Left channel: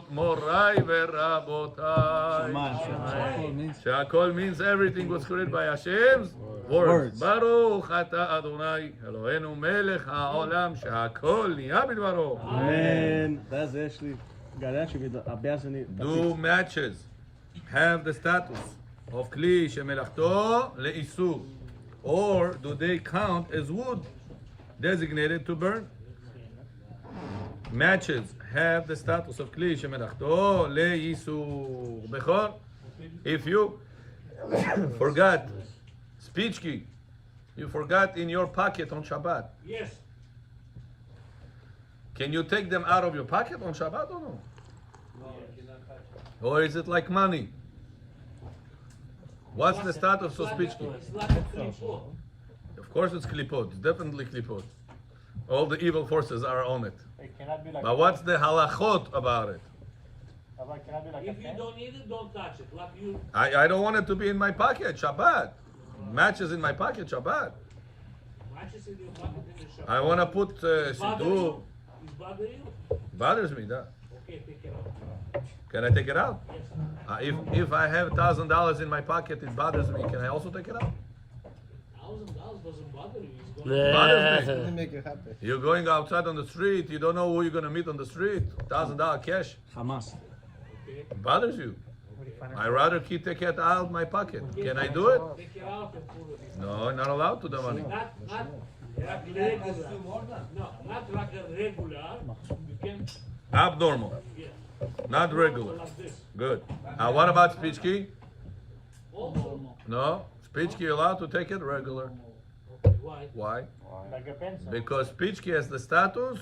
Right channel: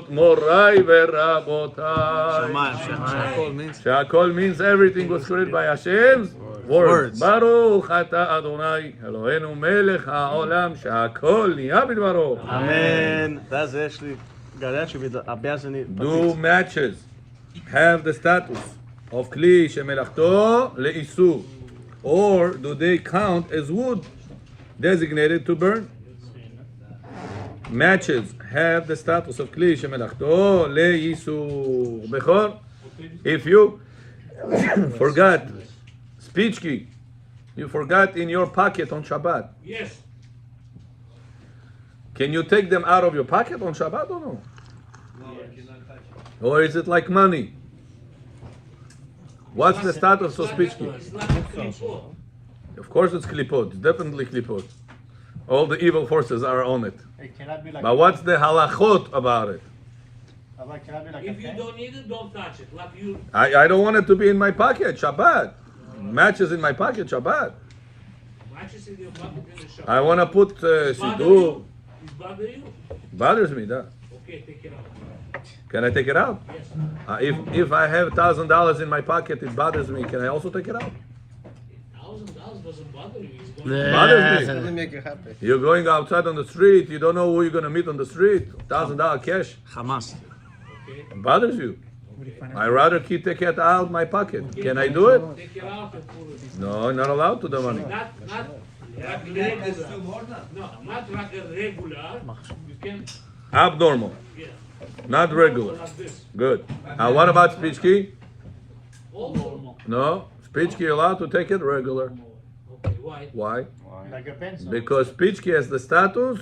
Pashut Morai Verabotai. She'akol means everything was created by Hashem's words. Baruch Ata Adonai Eloheinu Melech HaOlam She'akol Niya B'dvaro. Amen. Das ist actually, Do matches have the status of Kli Shemelachto Le'isu, or do they count as wood designated to burn? Matches have the status of Kli Shemelachto Le'isu. Bechor, if you forgot speech key, you forgot in your pocket on Shabbat. Yes. Can you take them out of your pocket on Shabbat or no? Or is it like money? What's the status of speech key? It's not a klipot. Of course it's klipot. It's definitely klipot. All the evil forces are on it. It cannot be like But what's the halachot about it? It cannot be like If you don't need it, don't touch it. Like you, I don't want it to be in my pocket, Shabbat. Matches in my pocket, Shabbat. matches in your pocket in the shop. I want to put siddur. It's bother you? Bothers me, that. Okay, take it out. Can I take it out? Yes. If I have $1,000 in my pocket, it bothers me. Can I also take it out? $1,000 doesn't bother you. It's going Bothers me. Make it happen. You're going outside on the street. You don't know who you're going to meet on the street. $1,000 cash. Hamas. It bothers you. I rather take it out of my pocket. Can I do it? take it out and put it. No, not allowed to the money. Not regular. No, not regular. You can, Abnormal, yeah. not regular. Like this. Good. What about speech key? All normal. No, speech key allowed to take it regular. Okay, why? Why? a pencil. Because speech key has the status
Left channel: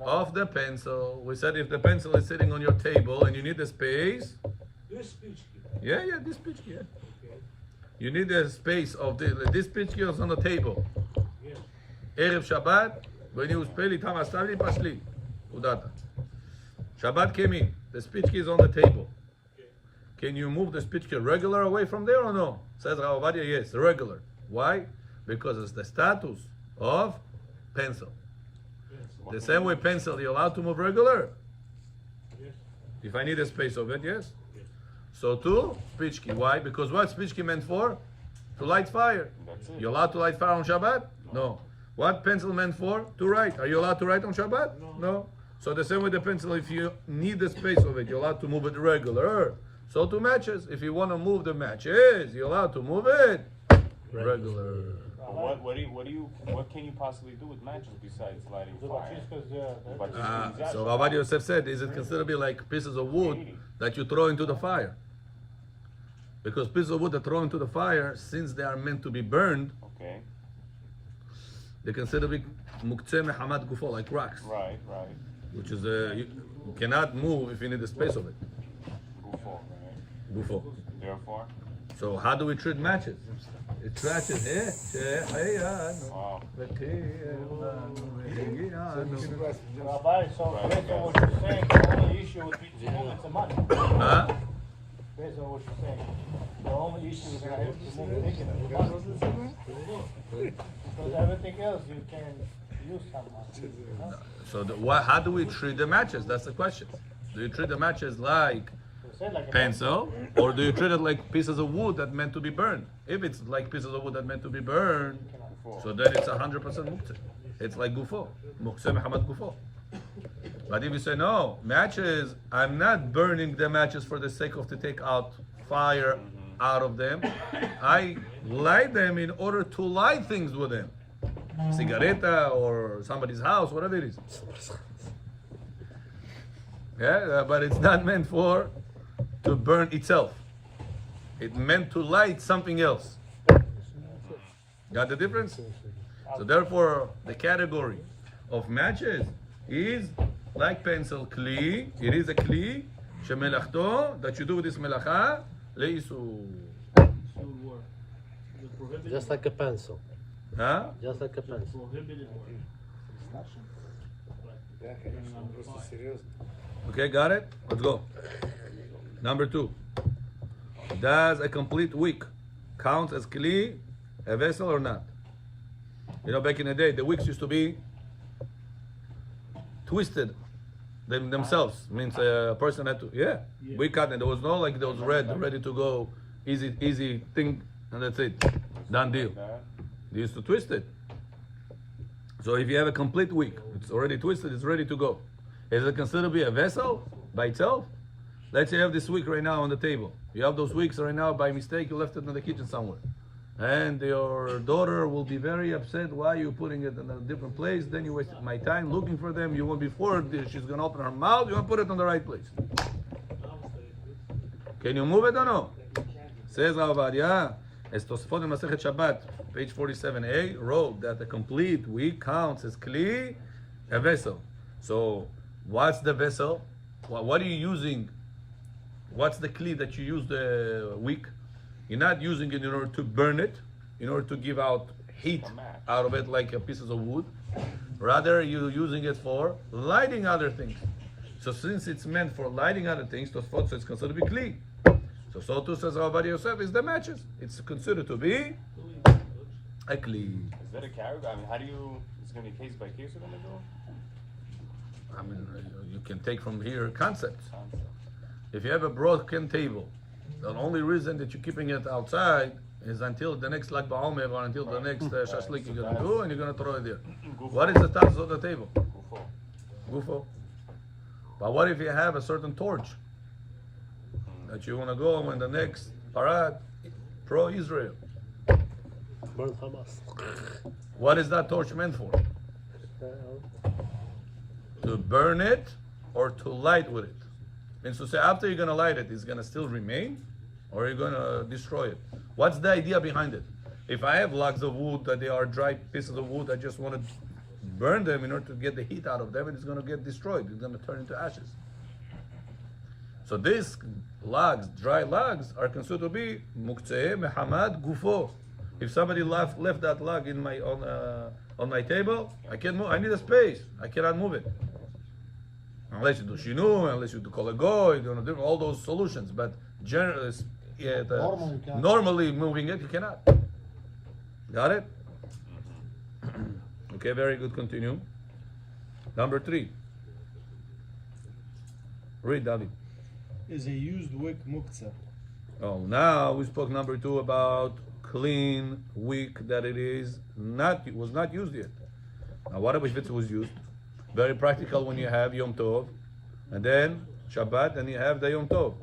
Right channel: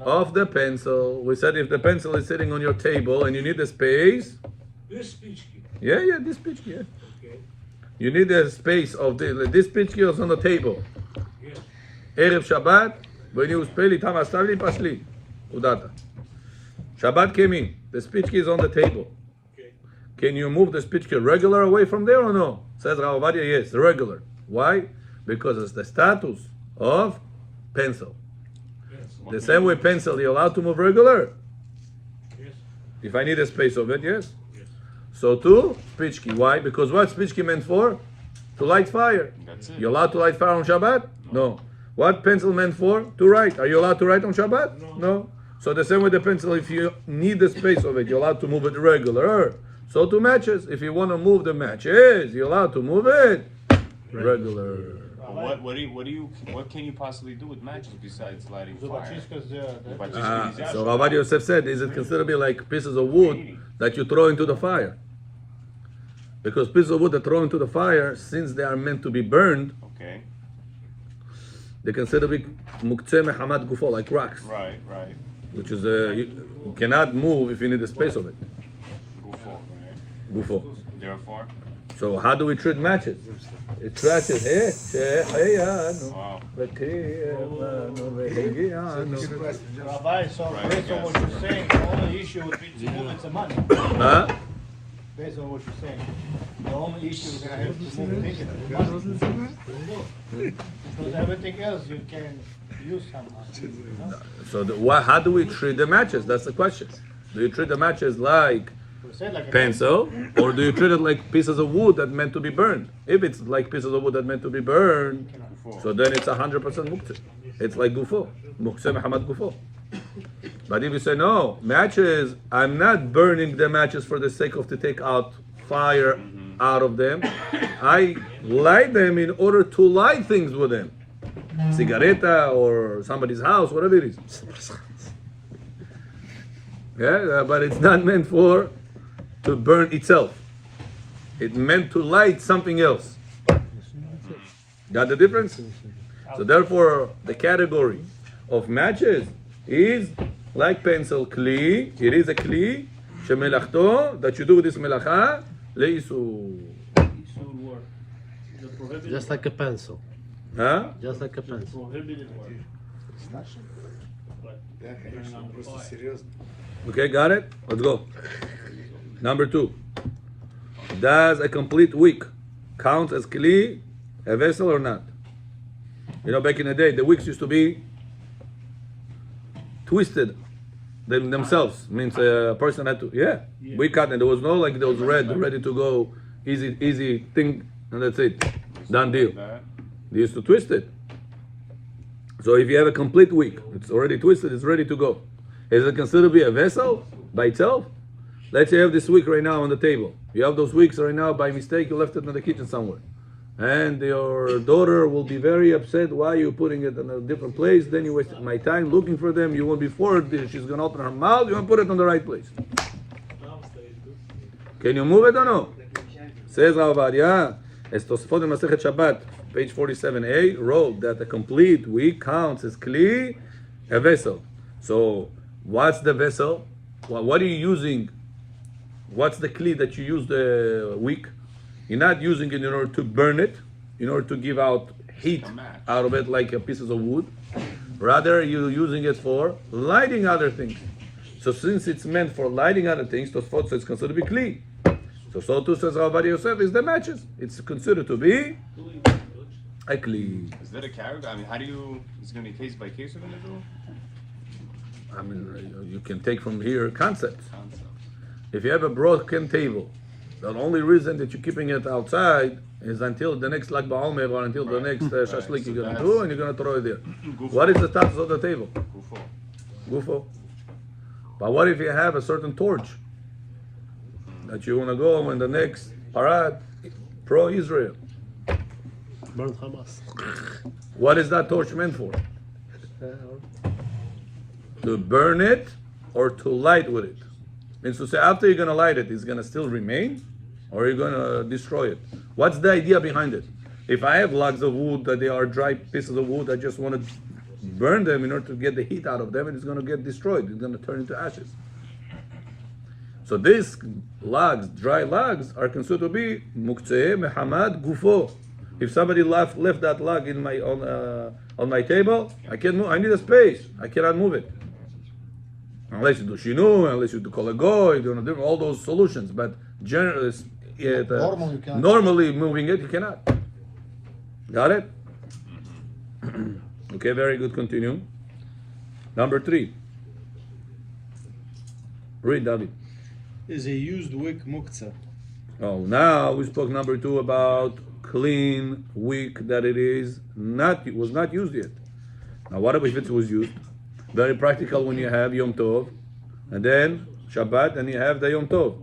of the pencil. We said if the pencil is sitting on your table and you need the space, This speech key. yeah, this speech key. Yeah. Okay. You need the space of this speech key is on the table. Yes. Erev Shabbat, when you spell it, Hamastavli Pashli, Udata. Shabbat came in. The speech key is on the table. Okay. Can you move the speech key regular away from there or no? Says Rav Ovadia, yes, regular. Why? Because it's the status of pencil. Yes. The same way pencil, you're allowed to move regular. Yes. If I need a space of it, yes. So too, speech key. Why? Because what speech key meant for? To light fire. You're allowed to light fire on Shabbat? No. What pencil meant for? To write. Are you allowed to write on Shabbat? No. So the same with the pencil, if you need the space of it, you're allowed to move it regular. So to matches, if you want to move the matches, you're allowed to move it regular. What can you possibly do with matches besides lighting fire? So Rav Ovadia Yosef said, is it considered to be like pieces of wood that you throw into the fire? Because pieces of wood that throw into the fire, since they are meant to be burned, Okay. they consider to be muktzeh mehamad gufo, like rocks, Right. which is you cannot move if you need the space of it. Gufo. Therefore. So how do we treat matches? It trashes. Wow. Rabbi, so based on what you're saying, the only issue with movements of money. Huh? Based on what you're saying, the only issue is gonna have to move things is money. Because everything else you can use somehow. So how do we treat the matches? That's the question. Do you treat the matches like You said like a pencil, or do you treat it like pieces of wood that meant to be burned? If it's like pieces of wood that meant to be burned, so then it's 100% muktzeh. It's like gufo, muktzeh mehamad gufo. But if you say no, matches, I'm not burning the matches for the sake of to take out fire out of them. I light them in order to light things with them, cigaretta or somebody's house, whatever it is. Yeah, but it's not meant for to burn itself. It meant to light something else. Got the difference? So therefore, the category of matches is like pencil kli. It is a kli shemelachto that you do with this melacha leisu. Just like a pencil. Huh? Just like a pencil. Okay, got it? Let's go. Number 2. Does a complete week count as kli, a vessel or not? You know, back in the day, the wicks used to be twisted themselves. Means a person had to, we cut, and there was no like those ready to go, easy thing, and that's it, done deal. They used to twist it. So if you have a complete wick, it's already twisted, it's ready to go. Is it considered to be a vessel by itself? Let's say you have this wick right now on the table. You have those wicks right now by mistake, you left it in the kitchen somewhere. And your daughter will be very upset. Why are you putting it in a different place? Then you wasted my time looking for them. You won't be forward. She's going to open her mouth. You want to put it on the right place. Can you move it or no? Says Rav Ovadia, as Tosfot in Masechet Shabbat, page 47a, wrote that a complete wick counts as kli, a vessel. So what's the vessel? What are you using? What's the kli that you use the wick? You're not using it in order to burn it, in order to give out heat out of it like pieces of wood. Rather, you're using it for lighting other things. So since it's meant for lighting other things, Tosfot says it's considered to be kli. So too says Rav Ovadia Yosef is the matches. It's considered to be a kli. Is that a character? I mean, how do you? Is it going to be case by case? You're going to do? I mean, you can take from here concepts. If you have a broken table, the only reason that you're keeping it outside is until the next Lag BaOmer or until the next shashlik you're going to do, and you're going to throw it there. What is the status of the table? Gufo. But what if you have a certain torch that you want to go in the next parade, pro-Israel? Burn Hamas. What is that torch meant for? To burn it or to light with it? Means to say after you're going to light it, it's going to still remain, or you're going to destroy it. What's the idea behind it? If I have logs of wood that they are dry pieces of wood, I just want to burn them in order to get the heat out of them, and it's going to get destroyed. It's going to turn into ashes. So these logs, dry logs, are considered to be muktzeh mehamad gufo. If somebody left that log in my on my table, I can't move. I need a space. I cannot move it. Unless you do shinu, unless you do kol hagoy, do all those solutions. But generally, normally moving it, you cannot. Got it? Okay, very good. Continue. Number 3. Read, David. Is a used wick muktzah? Oh, now we spoke number 2 about clean wick that it was not used yet. Now, what if it was used? Very practical when you have Yom Tov, and then Shabbat, and you have the Yom Tov.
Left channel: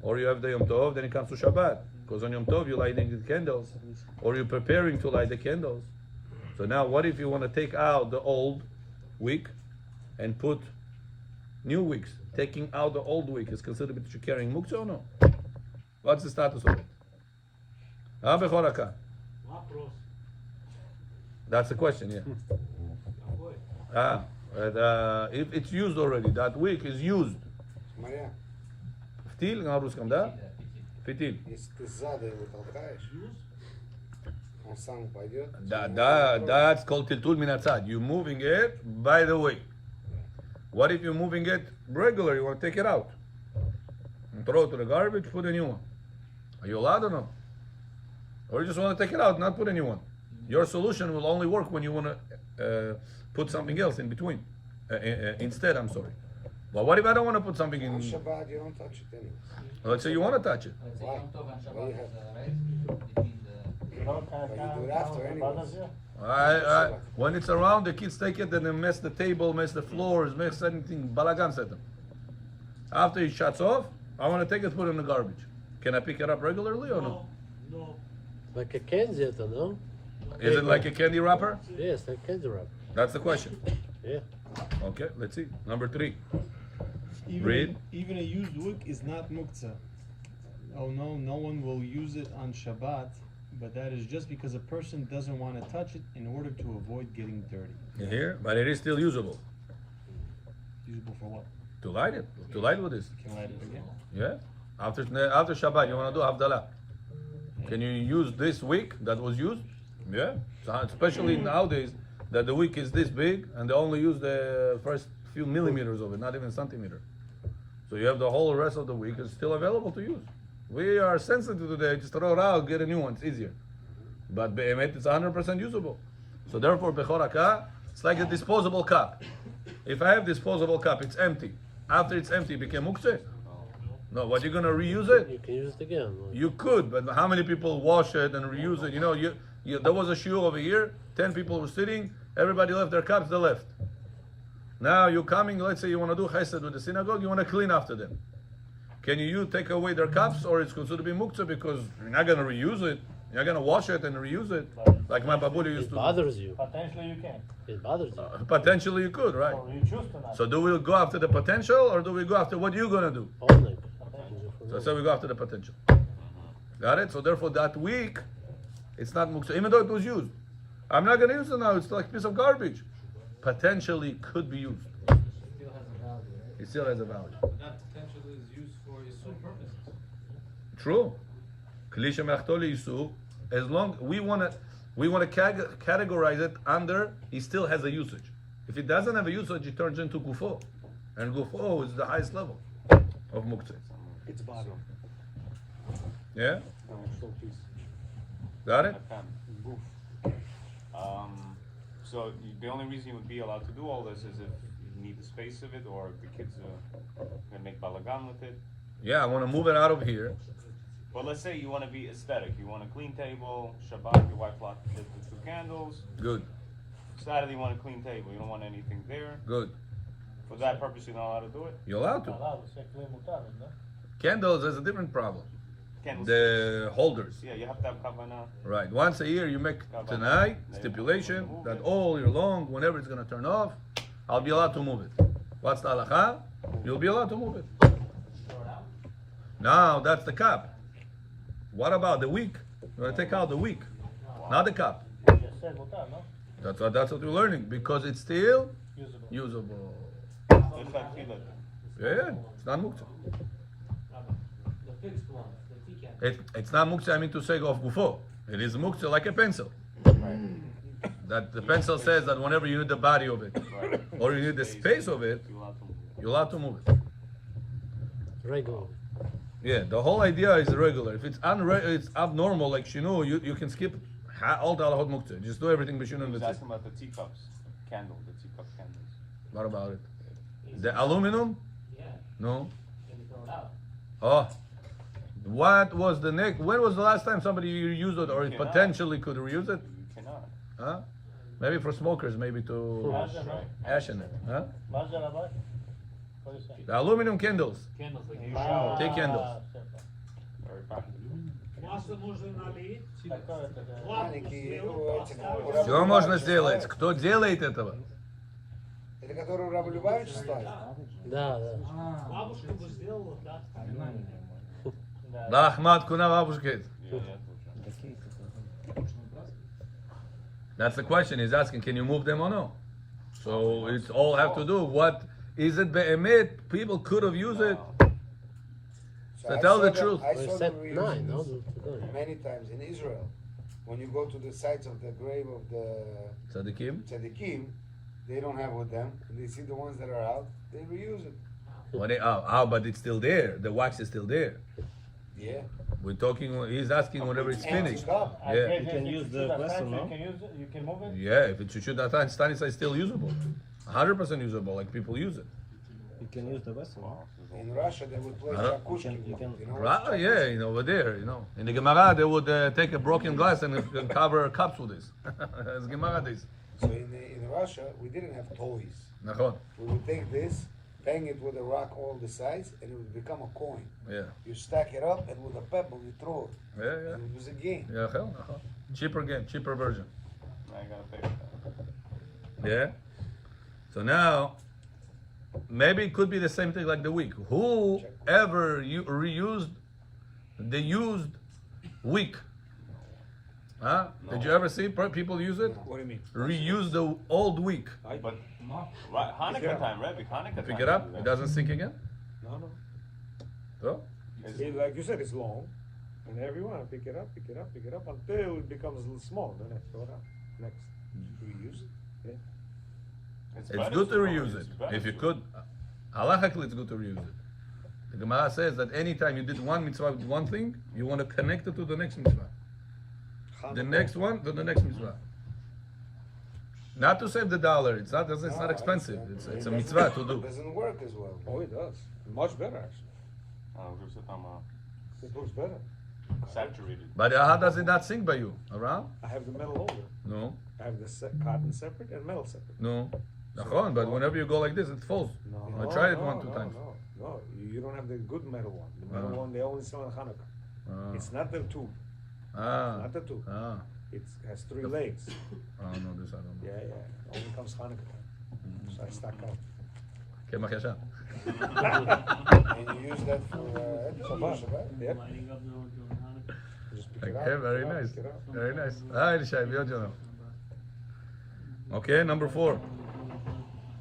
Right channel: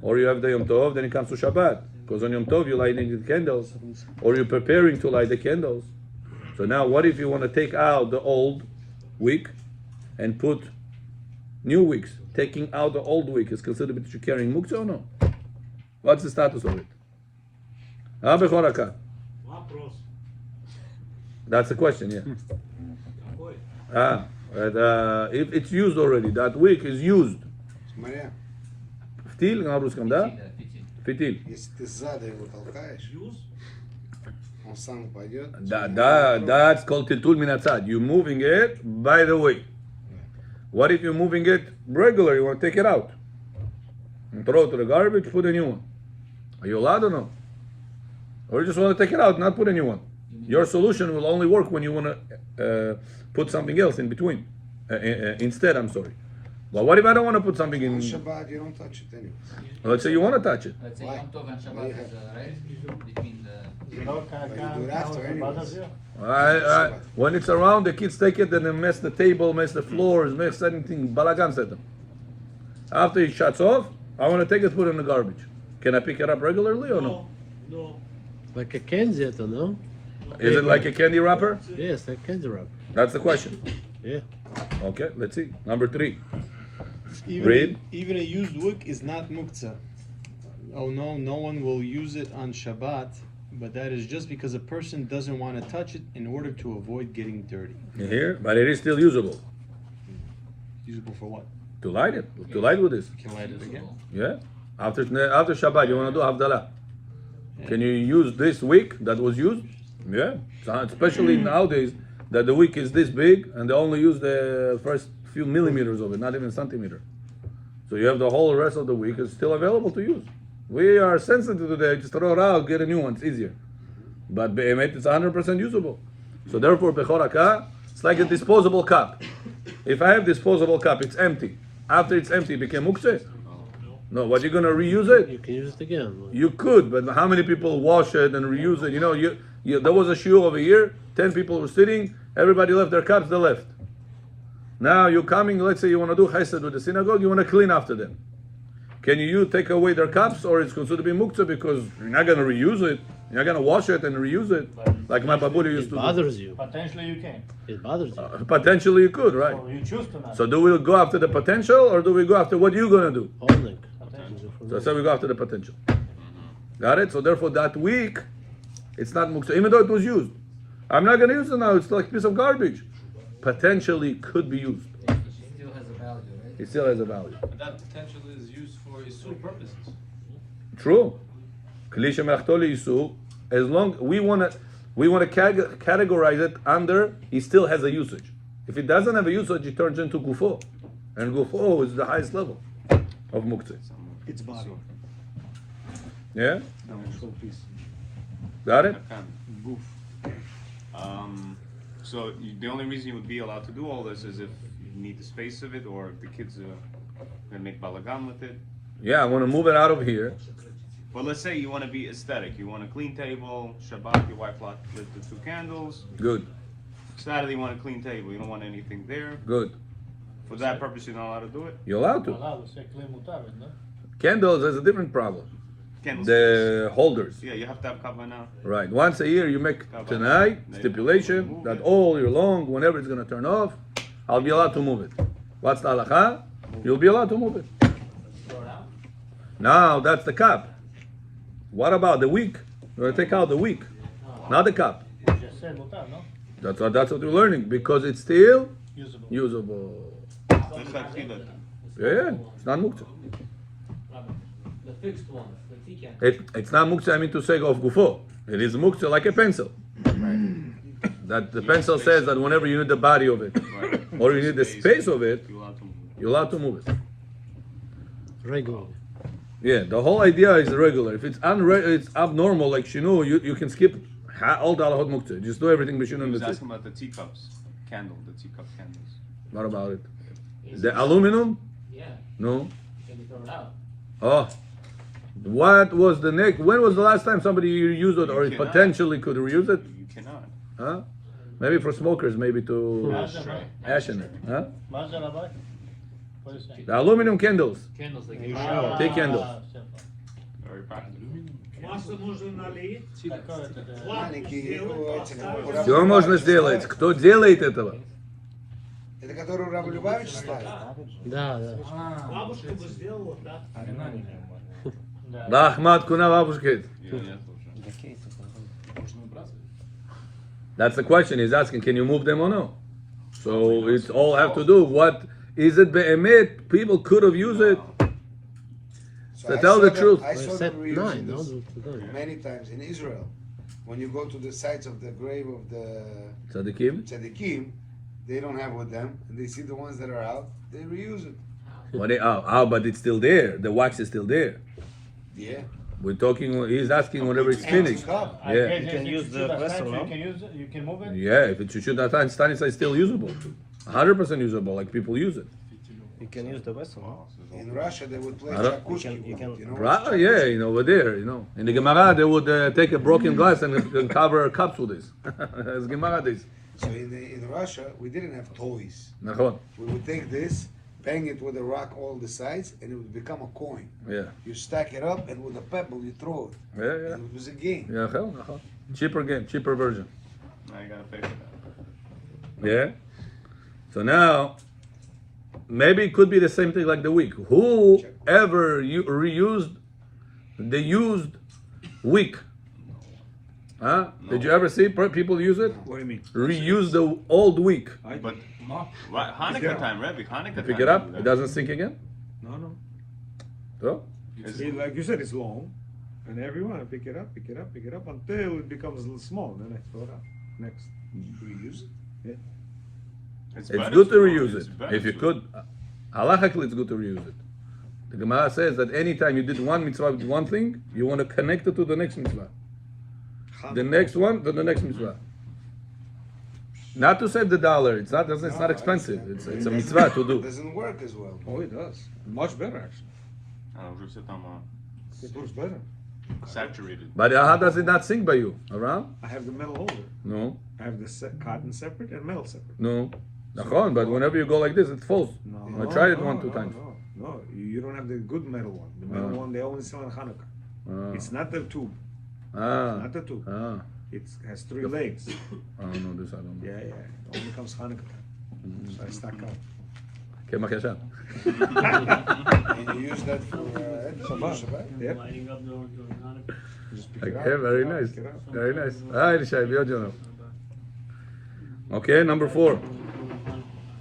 Or you have the Yom Tov, then it comes to Shabbat. Because on Yom Tov you're lighting the candles, or you're preparing to light the candles. So now what if you want to take out the old wick and put new wicks? Taking out the old wick is considered that you're carrying muktzah or no? What's the status of it? That's the question, yeah. If it's used already, that wick is used. Fitil, na ruskom, da? Fitil. That's called tiltul min hatzad. You're moving it by the way. What if you're moving it regular? You want to take it out and throw it to the garbage, put a new one. Are you allowed or no? Or you just want to take it out, not put a new one? Your solution will only work when you want to put something else in between. Instead, I'm sorry. But what if I don't want to put something in? Shabbat, you don't touch it anyway. Let's say you want to touch it. Let's say Yom Tov and Shabbat is a rest between When it's around, the kids take it and they mess the table, mess the floors, mess anything, balagan set them. After it shuts off, I want to take it, put it in the garbage. Can I pick it up regularly or no? No. Like a candy, no? Is it like a candy wrapper? Yes, like candy wrap. That's the question. Yeah. Okay, let's see. Number 3. Even a used wick is not muktzah. Oh no, no one will use it on Shabbat, but that is just because a person doesn't want to touch it in order to avoid getting dirty. You hear? But it is still usable. Usable for what? To light it. To light with this. Can light it again? Yeah. After Shabbat, you want to do Havdalah. Can you use this wick that was used? Yeah. So especially nowadays that the wick is this big and they only use the first few millimeters of it, not even centimeter. So you have the whole rest of the wick is still available to use. We are sensitive to that. Just throw it out, get a new one. It's easier. But Be'emet, it's 100% usable. So therefore, Bechoraka, it's like a disposable cup. If I have disposable cup, it's empty. After it's empty, it became muktzeh. No, what, you're gonna reuse it? You can use it again. You could, but how many people wash it and reuse it? You know, there was a shiur over here. 10 people were sitting. Everybody left their cups. They left. Now you're coming. Let's say you want to do chesed with the synagogue. You want to clean after them. Can you take away their cups, or it's considered to be muktzah because you're not gonna reuse it? You're not gonna wash it and reuse it like my babuli used to It do. bothers you. Potentially you can. It bothers you. Potentially you could, right? Or you choose to not. So do we go after the potential, or do we go after what you're gonna do? Holding. So we go after the potential. Got it? So therefore that week, it's not muktzah, even though it was used. I'm not gonna use it now, it's like a piece of garbage. Potentially could be used. It still has a value. That potential is used for Isur purposes. True. Klisha me'achtoli yisur. As long we wanna categorize it under he still has a usage. If it doesn't have a usage, it turns into gufo, and gufo is the highest level of muktzah. It's body. Yeah. Got it? So the only reason you would be allowed to do all this is if you need the space of it, or if the kids are gonna make balagan with it. Yeah, I want to move it out of here. But let's say you want to be aesthetic. You want a clean table. Shabbat, your wife lights the 2 candles. Good. Saturday, you want a clean table. You don't want anything there. Good. For that purpose, you're not allowed to do it. You're allowed to. Allowed to say kli mutar, no? Candles has a different problem. Candles. The holders. Yeah, you have to have kavana. Right. Once a year you make tonight stipulation that all year long, whenever it's gonna turn off, I'll be allowed to move it. What's the halacha? You'll be allowed to move it. Throw it out. Now that's the cup. What about the wick? You're gonna take out the wick, not the cup. You just said mutar, no? That's what we're learning because it's still Usable. usable. Just like tefillah. Yeah, it's not muktzah. The fixed ones, the ticket. It's not muktzah. I mean to say of gufo. It is muktzah like a pencil. That the pencil says that whenever you need the body of it, Right. or you need the space of it, You're allowed to move it. you're allowed to move it. Regular. Yeah, the whole idea is regular. If it's it's abnormal, like shinu, you can skip all the halachot muktzah. Just do everything b'shinu I and was that's it. asking about the teacups, the teacup candles. What about it? The aluminum? Yeah, No. can be thrown out. Oh, what was the next? When was the last time somebody used it, or You it cannot. potentially could reuse it? You cannot. Huh? Maybe for smokers, maybe to ash in it. Huh? Mazel Rabbi? What is it? The aluminum candles. Candles like Take candles. Very practical. Масло нужно налить. Все можно сделать. Кто делает этого? Это который Рав Любавич ставит? Да, да. Бабушка бы сделала, да? Да, Ахмад Куна бабушка. That's the question. He's asking, can you move them or no? So it's all have to do. What is it? Be'emet, people could have used it. To tell the truth. I saw Set them reusing 9, no? this many times in Israel. When you go to the sites of the grave of the Tzadikim? tzaddikim, they don't have with them, and they see the ones that are out, they reuse it. But it's still there. The wax is still there. Yeah. We're talking. He's asking whenever it's finished. I Yeah. guess if you shoot a statue, you can use it, you can move it? Yeah, if it should that time, Stanis is still usable. 100% usable, like people use it. You can use the vessel. In Russia, they would play I don't- shakushki. You can- You know? Right? Yeah, over there, In the Gemara, they would take a broken glass and cover cups with this. As Gemara this. So in Russia, we didn't have toys. Nachon. We would take this, bang it with a rock all the sides, and it would become a coin. Yeah. You stack it up, and with a pebble, you throw it. Yeah. And it was a game. Yeah, hell, nachon. Cheaper game, cheaper version. Now you gotta pay for that. Yeah. So now, maybe it could be the same thing like the wick. Whoever reused the used wick? Huh? Did you ever see people use it? What do you mean? Reuse the old wick. But what, Hanukkah time, Rebbe, Hanukkah time. Pick it up. It doesn't sink again. No, no. So Like you said, it's long, and everyone pick it up until it becomes a little small. Then I throw it out. Next. Reuse it? it's better good to reuse It's it better if you to- could. Halachically, it's good to reuse it. The Gemara says that anytime you did one mitzvah with one thing, you want to connect it to the next mitzvah. The next one to the next mitzvah. Not to save the dollar. It's not expensive. It's a mitzvah to It do. doesn't work as well. Oh, it does. Much better, actually. It works better. Saturated. But how does it not sink by you? Around? I have the metal holder. No. I have the cotton separate and metal separate. No. Nachon, but whenever you go like this, it falls. I tried it one, two times. No, you don't have the good metal one. The metal one they only sell on Hanukkah. It's not the tube. Not the tube. It has 3 legs. I don't know this. I don't know. Yeah. It only comes Hanukkah. So I stack up. Kemach yashan. And you use that for Shabbat. Yeah. Lighting up the Hanukkah. Just pick it Okay, up. very nice. Pick it up. Very nice. Hi, Rishai, Biojono. Okay, number 4.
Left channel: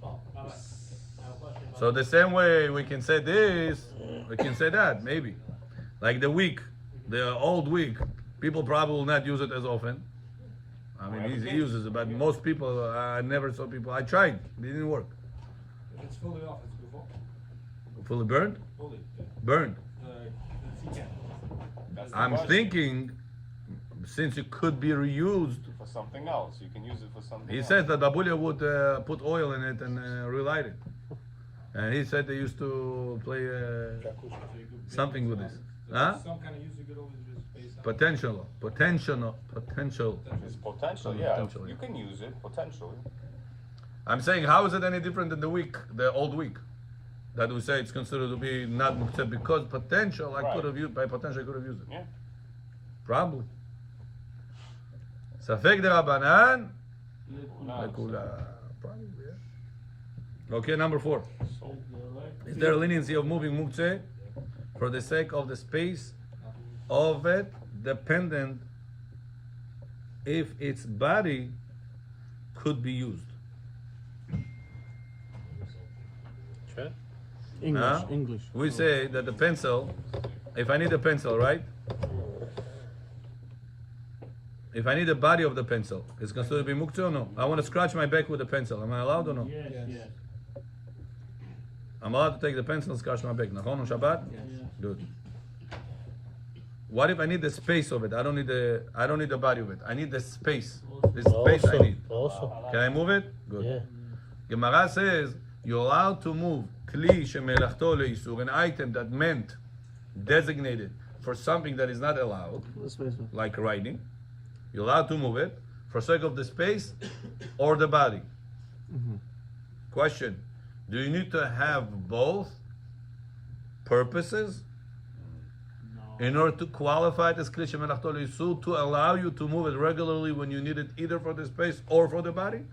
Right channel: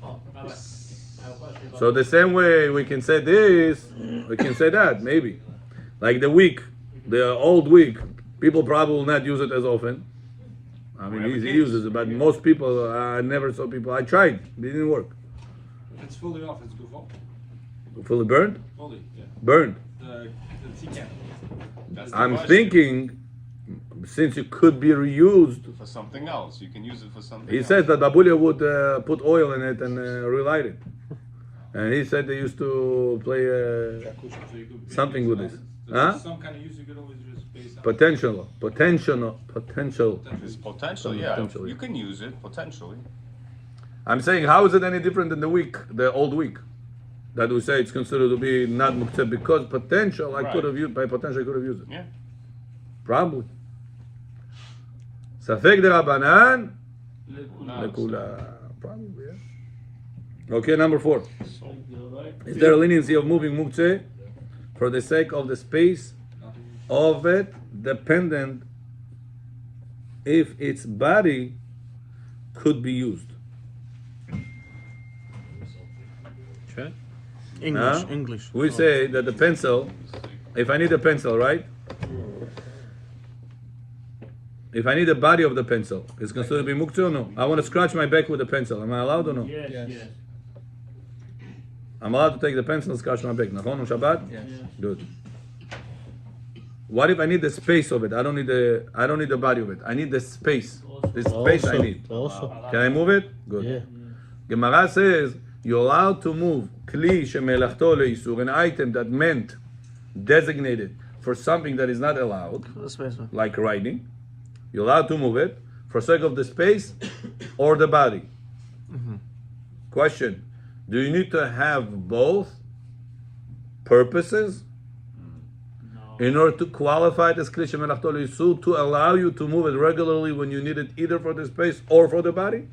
Oh, Rabbi, I have a question about So the same way we can say this, we can say that, maybe. Like the week, the old week, people probably will not use it as often. I mean, he uses it, but most people, I never saw people. I tried, it didn't work. It's fully off, it's good. Fully burned? Fully, yeah. Burned. The TCAP. That's the I'm question. thinking, since it could be reused, For something else. You can use it for something he else. says that Babulia would put oil in it and relight it. And he said they used to play something with this. Huh? Some kind of use you could always just base out. Potential. It's potential, yeah. Potentially. You can use it, potentially. I'm saying, how is it any different than the week, the old week? That we say it's considered to be not muktzeh because potential, I could have used, by potential I could have used it. Yeah. Probably. Safek de Rabbanan, lekula. Probably, yeah. Okay, number 4. Is there a leniency of moving muktzeh for the sake of the space of it, dependent if its body could be used? Huh? English. We say that the pencil, if I need a pencil, right? If I need the body of the pencil, is considered to be muktzeh or no? I want to scratch my back with a pencil. Am I allowed or no? Yes, yes. I'm allowed to take the pencil and scratch my back. Nachon on Shabbat? Yes. Good. What if I need the space of it? I don't need the body of it. I need the space. The space I need. Also. Can I move it? Good. Yeah. Gemara says you're allowed to move kli shemelachto leisur, an item that meant designated for something that is not allowed, like writing. You're allowed to move it for sake of the space or the body. Question: do you need to have both purposes in order to qualify it as kli shemelachto leisur, to allow you to move it regularly when you need it either for the space or for the body?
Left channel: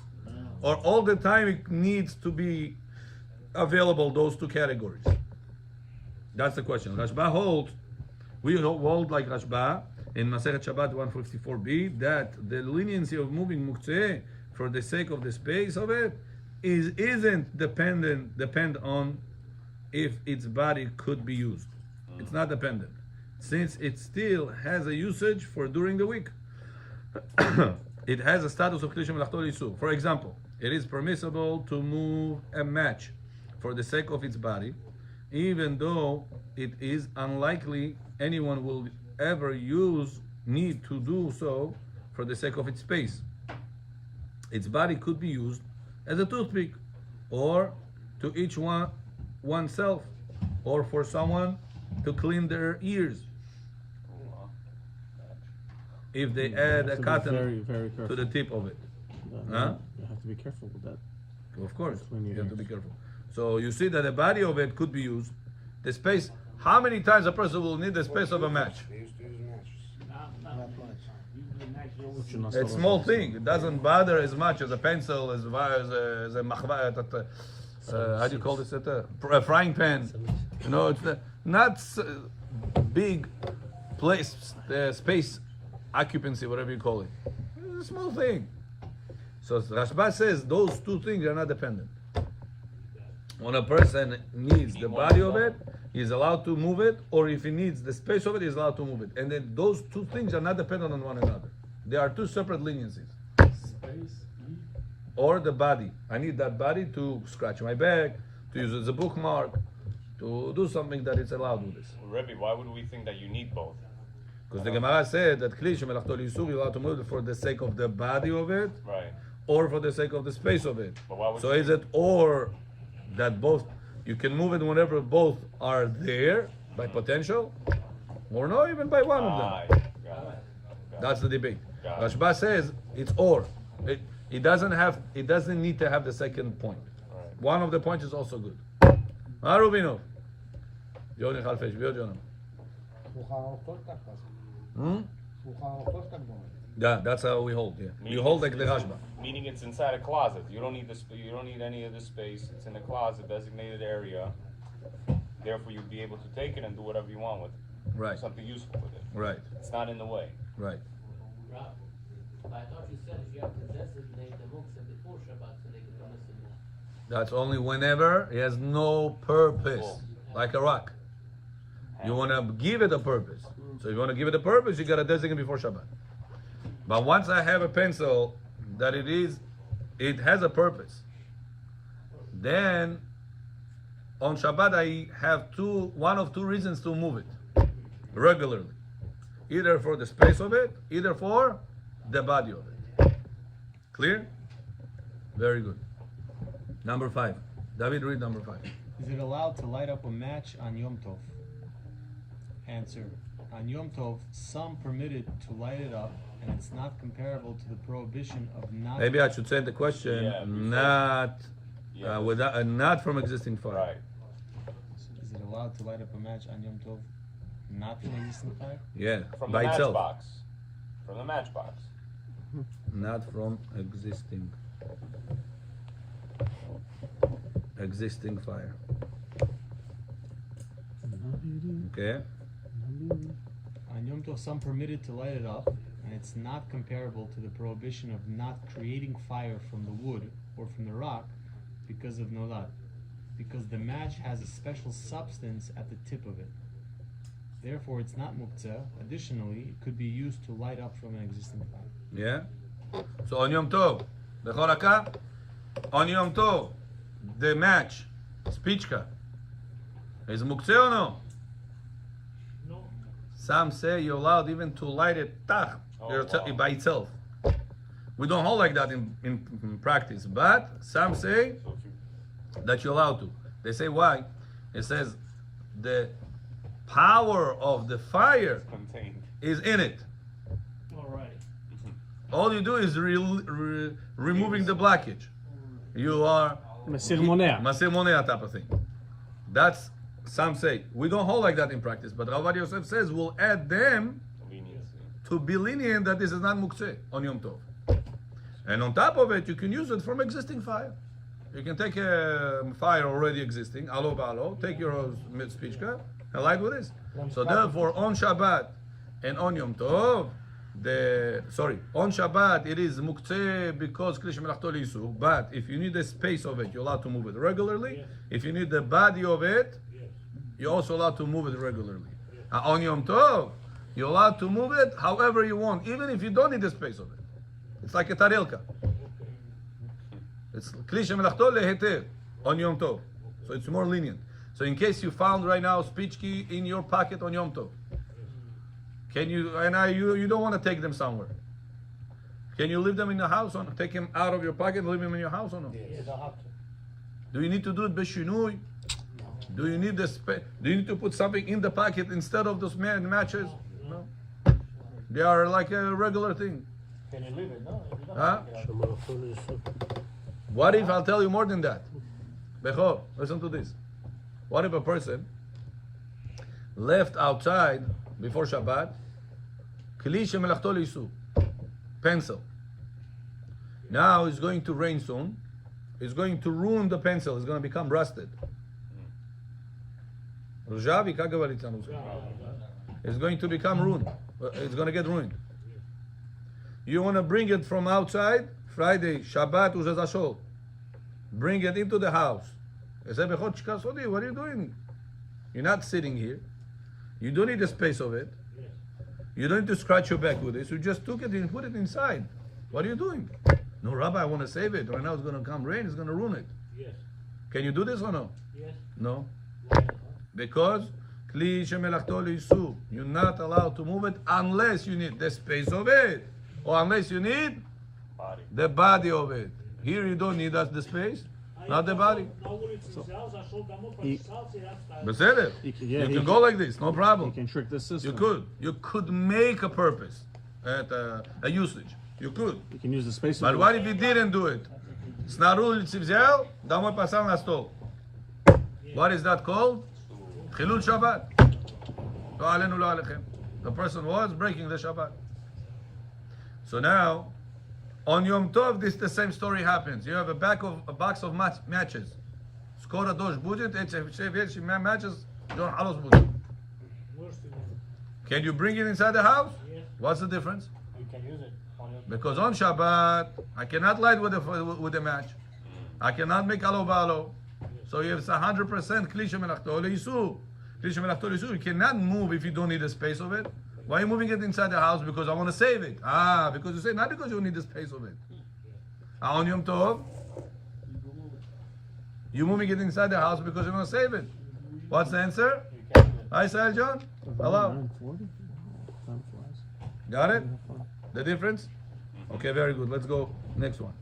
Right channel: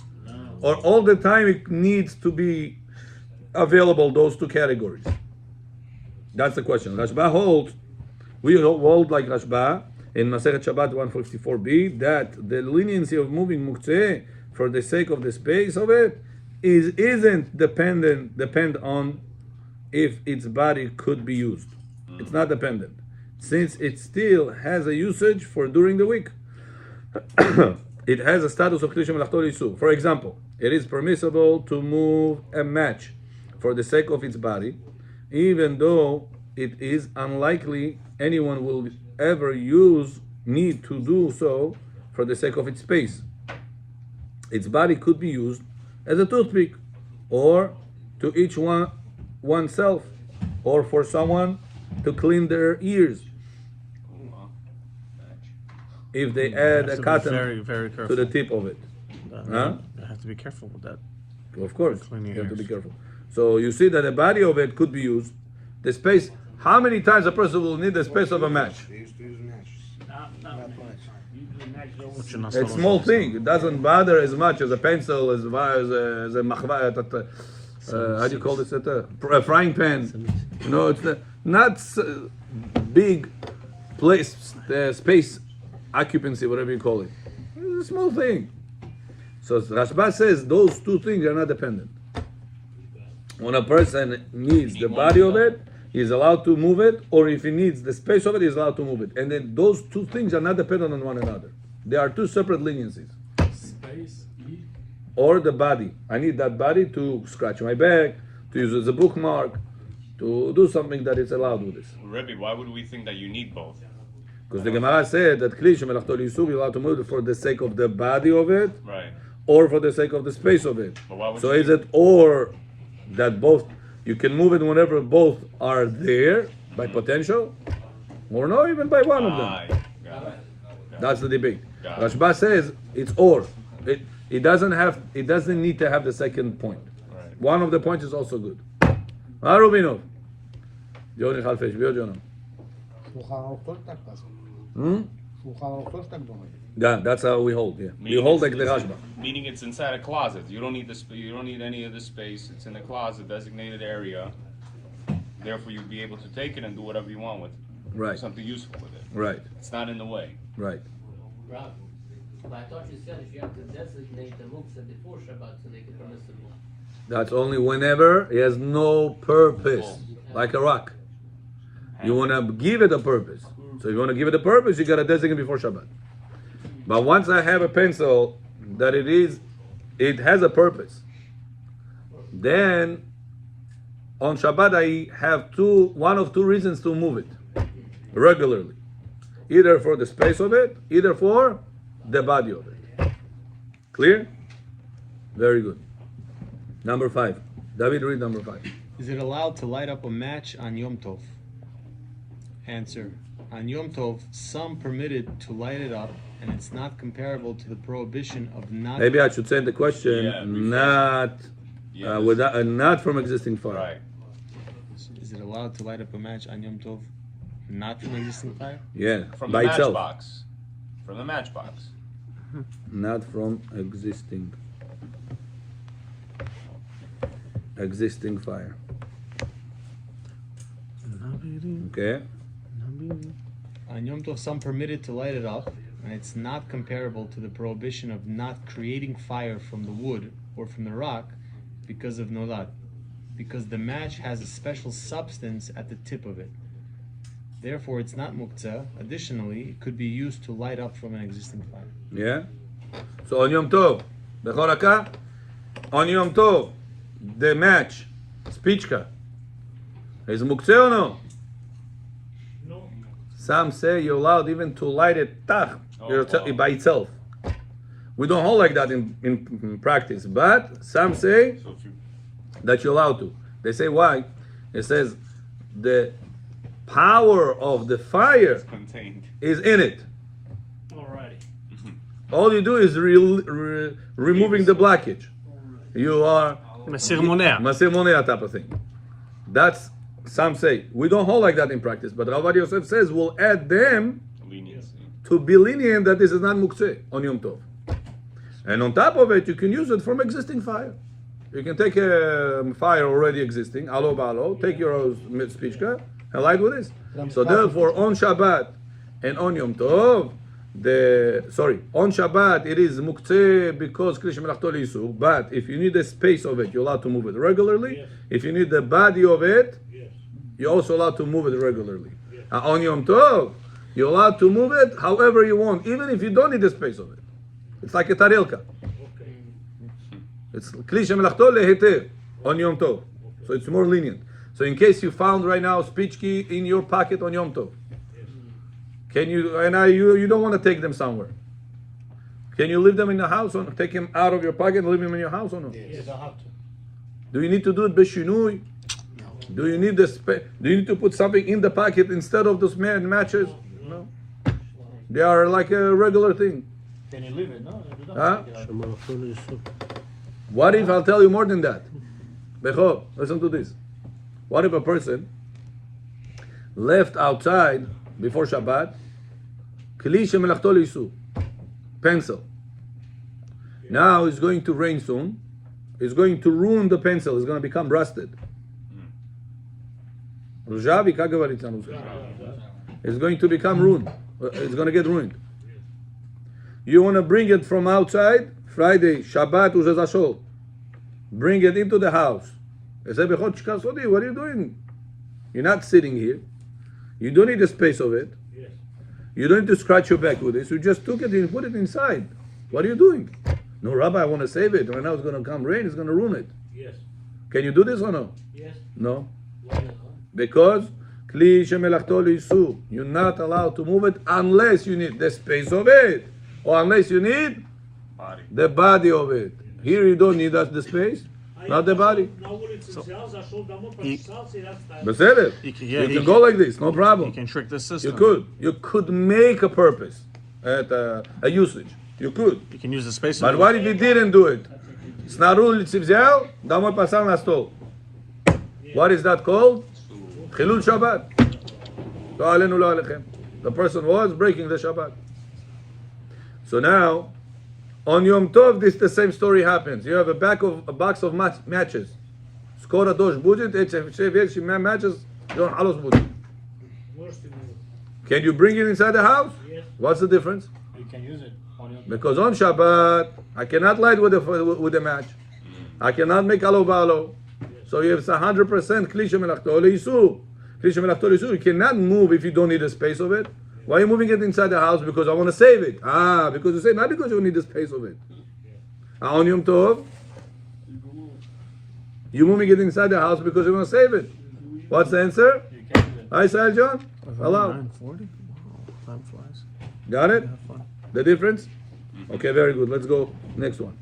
Or all the time it needs to be available, those two categories? That's the question. Rashba holds, we hold like Rashba in Masechet Shabbat 154b, that the leniency of moving muktzeh for the sake of the space of it isn't depend on if its body could be used. It's not dependent, since it still has a usage for during the week. It has a status of kli shemelachto leisur. For example, it is permissible to move a match for the sake of its body, even though it is unlikely anyone will ever need to do so for the sake of its space. Its body could be used as a toothpick, or to each oneself, or for someone to clean their ears, if they add a cotton Very, very to careful. the tip of it. Huh? I have to be careful with that. Of course, Cleaning you have to be ears. careful. So you see that the body of it could be used. The space, how many times a person will need the space of a match? They used to use matches. But you're not It's a supposed small to. thing. It doesn't bother as much as a pencil, as a machva, how do you call this? A frying pan. You know, it's not big place, space occupancy, whatever you call it. It's a small thing. So Rashba says those two things are not dependent. When a person needs the body of it, he's allowed to move it, or if he needs the space of it, he's allowed to move it. And then those two things are not dependent on one another. They are two separate leniencies. Or the body. I need that body to scratch my back, to use it as a bookmark, to do something that is allowed with this. Rebbe, why would we think that you need both? Because the Gemara said that kli shemelachto leisur, you're allowed to move it for the sake of the body of it, Right. or for the sake of the space of it. But why would So you is do it or that both, you can move it whenever both are there by potential, or no, even by one of them? Got it. That's the debate. Got it. Rashba says it's or. It doesn't need to have the second point. Right. One of the points is also good. Arubinov. Johnny Halfesh, Jonah. Yeah, that's how we hold. Yeah, we hold like the Rashba. Meaning it's inside a closet. You don't need this. You don't need any of this space. It's in a closet, designated area. Therefore, you'll be able to take it and do whatever you want with it. Right. Do something useful with it. Right. It's not in the way. Right. Rob, but I thought you said you have to designate the muktzah before Shabbat so they can permissible. That's only whenever it has no purpose, like a rock. You want to give it a purpose. So if you want to give it a purpose, you got to designate before Shabbat. But once I have a pencil that it has a purpose, then on Shabbat I have one of two reasons to move it regularly. Either for the space of it, either for the body of it. Clear? Very good. Number 5. David, read number 5. Is it allowed to light up a match on Yom Tov? Answer. On Yom Tov, some permitted to light it up, and it's not comparable to the prohibition of not... Maybe I should send the question, not from existing fire. Right. Is it allowed to light up a match on Yom Tov, not from existing fire? Yeah, From by the itself. matchbox. From the matchbox. Not from existing fire. Okay. On Yom Tov, some permitted to light it up, and it's not comparable to the prohibition of not creating fire from the wood or from the rock because of nolad, because the match has a special substance at the tip of it. Therefore, it's not muktzah. Additionally, it could be used to light up from an existing fire. Yeah. So on Yom Tov, Bechoraka, on Yom Tov, the match, spichka, is muktzeh or no? No. Some say you're allowed even to light it by itself. We don't hold like that in practice, but some say that you're allowed to. They say why? It says the power of the fire Contained. is in it. Alrighty. All you do is removing the blockage. You are Masir Monea. Masir Monea type of thing. That's, some say. We don't hold like that in practice, but Rav Yosef says we'll add them Leniency. to be lenient that this is not muktzeh on Yom Tov. And on top of it, you can use it from existing fire. You can take a fire already existing, alo ba'alo, take your spichka and light with this. So therefore, on Shabbat and on Yom Tov, on Shabbat it is muktzeh because Kli Shemelachto L'Yisur. But if you need the space of it, you're allowed to move it regularly. If you need the body of it, you're also allowed to move it regularly. On Yom Tov, you're allowed to move it however you want, even if you don't need the space of it. It's like a tarilka. It's Kli Shemelachto Leheter on Yom Tov. So it's more lenient. So in case you found right now spichki in your pocket on Yom Tov, can you, you don't want to take them somewhere. Can you leave them in the house or take them out of your pocket and leave them in your house or no? Yes, I have to. Do you need to do it b'shinui? Do you need do you need to put something in the pocket instead of those matches? No. They are like a regular thing. Can you leave it? No. Huh? What if, I'll tell you more than that. Bechor, listen to this. What if a person left outside before Shabbat, Kli Shemelachto L'Yisur, pencil. Now it's going to rain soon. It's going to ruin the pencil. It's going to become rusted. It's going to become ruined. It's going to get ruined. You want to bring it from outside, Friday, Shabbat, Uzezashol. Bring it into the house. What are you doing? You're not sitting here. You don't need the space of it. You don't need to scratch your back with this. You just took it and put it inside. What are you doing? No, Rabbi, I want to save it. Right now it's going to come rain. It's going to ruin it. Yes. Can you do this or no? Yes. No. Why not? Because Kli Shemelachto L'Yisur, you're not allowed to move it unless you need the space of it, or unless you need the body of it. Here you don't need the space, not the body. בסדר. You can go like this, no problem. You can trick the system. You could make a purpose, a usage. You could. You can use the space. But what if you didn't do it? Снаружи взял, домой поставил на стол. What is that called? Chilul Shabbat. לא עלינו, לא עליכם. The person was breaking the Shabbat. So now, on Yom Tov, the same story happens. You have a box of matches. Skora dosh budget, matches, don't halos budget. Can you bring it inside the house? What's the difference? You can use it. Because on Shabbat, I cannot light with a match. I cannot make alo. So you have 100% klisha melachto leisu. Klisha melachto leisu. You cannot move if you don't need the space of it. Why are you moving it inside the house? Because I want to save it. Because you say, not because you need the space of it. On Yom Tov, you're moving it inside the house because you want to save it. What's the answer? Hi, Sahel John. Hello. Got it? The difference? Okay, very good. Let's go next one.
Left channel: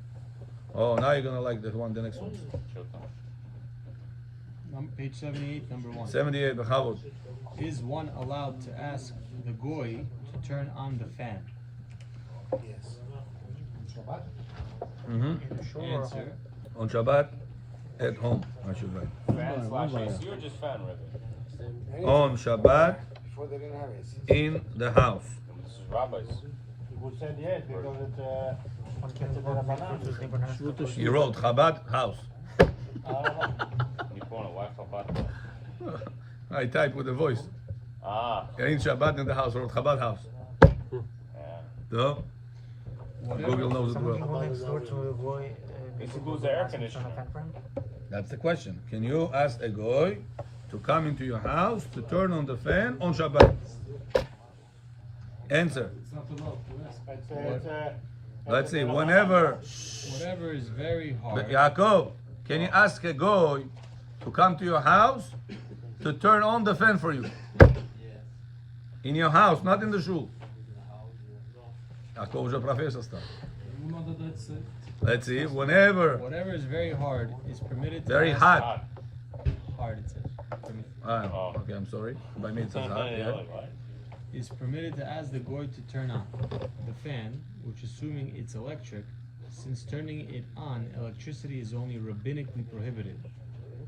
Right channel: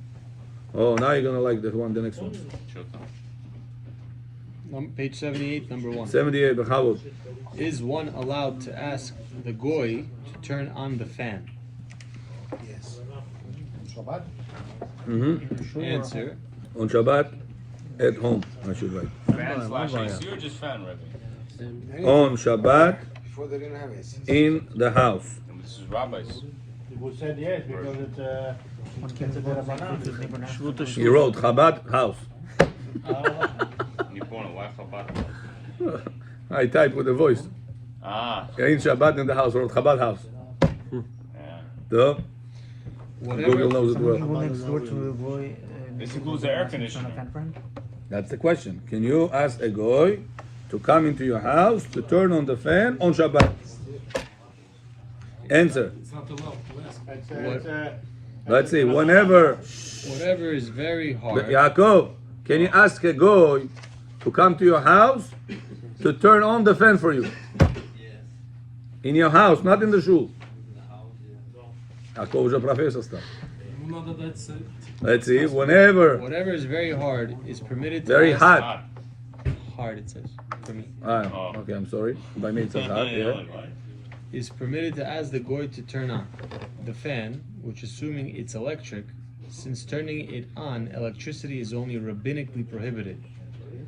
Oh, now you're going to like the next one. Page 78, number 1. 78, Bechavot. Is one allowed to ask the goy to turn on the fan? Yes. Shabbat? Answer. On Shabbat, at home, I should write. Fan slash AC or just fan, Rebbe? On Shabbat, Before they're gonna have AC. in the house. This is rabbis. People said yes because it's a derabanan. He wrote Chabad house. Why Chabad? I typed with a voice. In Shabbat in the house, wrote Chabad house. Duh. Google knows it well. This includes the air conditioner. That's the question. Can you ask a goy to come into your house to turn on the fan on Shabbat? Answer. Let's see. Whatever is very hard. Yaakov, can you ask a goy to come to your house to turn on the fan for you? In your house, not in the shul. Yaakov уже профессор стал. Let's see. Whatever is very hard is permitted to Very ask, hot. hard it says for me. Okay, I'm sorry. By me it says hot, yeah. Is permitted to ask the goy to turn on the fan, which assuming it's electric, since turning it on, electricity is only rabbinically prohibited.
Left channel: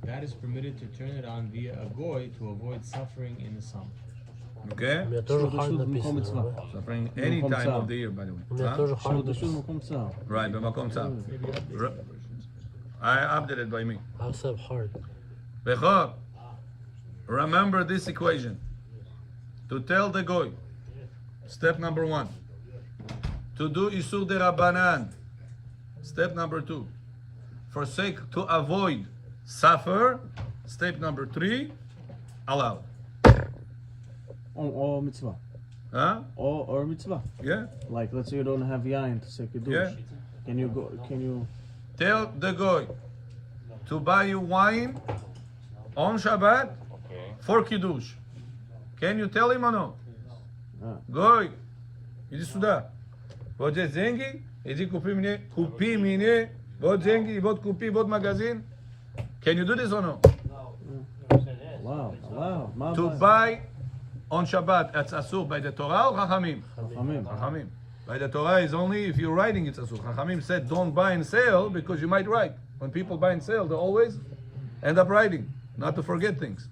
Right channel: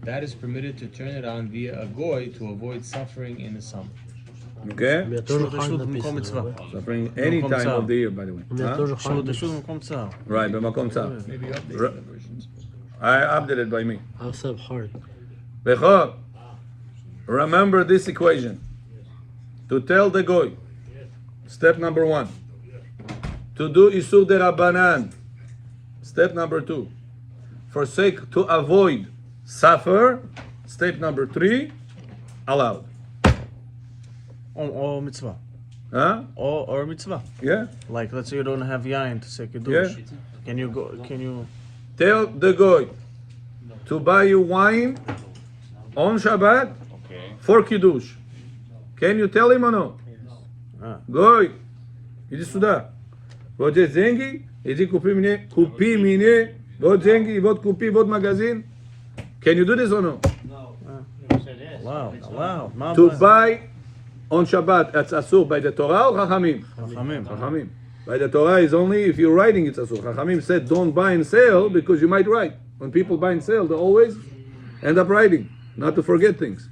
That is permitted to turn it on via a goy to avoid suffering in the summer. Okay? יותר hard написано. Suffering any time of the year, by the way. Huh? Right, במקום צר. Maybe update the versions. I updated by me. Also hard. Bechor, remember this equation. To tell the goy, step number 1. To do Isur de Rabbanan, step number 2. Forsake to avoid suffer, step number 3. Allowed. Or mitzvah. Huh? Or mitzvah. Yeah? Like, let's say you don't have yain to say kiddush. Yeah. Can you Tell the goy to buy you wine on Shabbat for Kiddush. Can you tell him or no? Goy, иди сюда. Вот здесь деньги, иди купи мне, вот деньги, вот купи, вот магазин. Can you do this or no? Wow. To buy on Shabbat, that's asur by the Torah or Chachamim? Chachamim. By the Torah is only if you're writing it's asur. Chachamim said don't buy and sell because you might write. When people buy and sell, they always end up writing, not to forget things.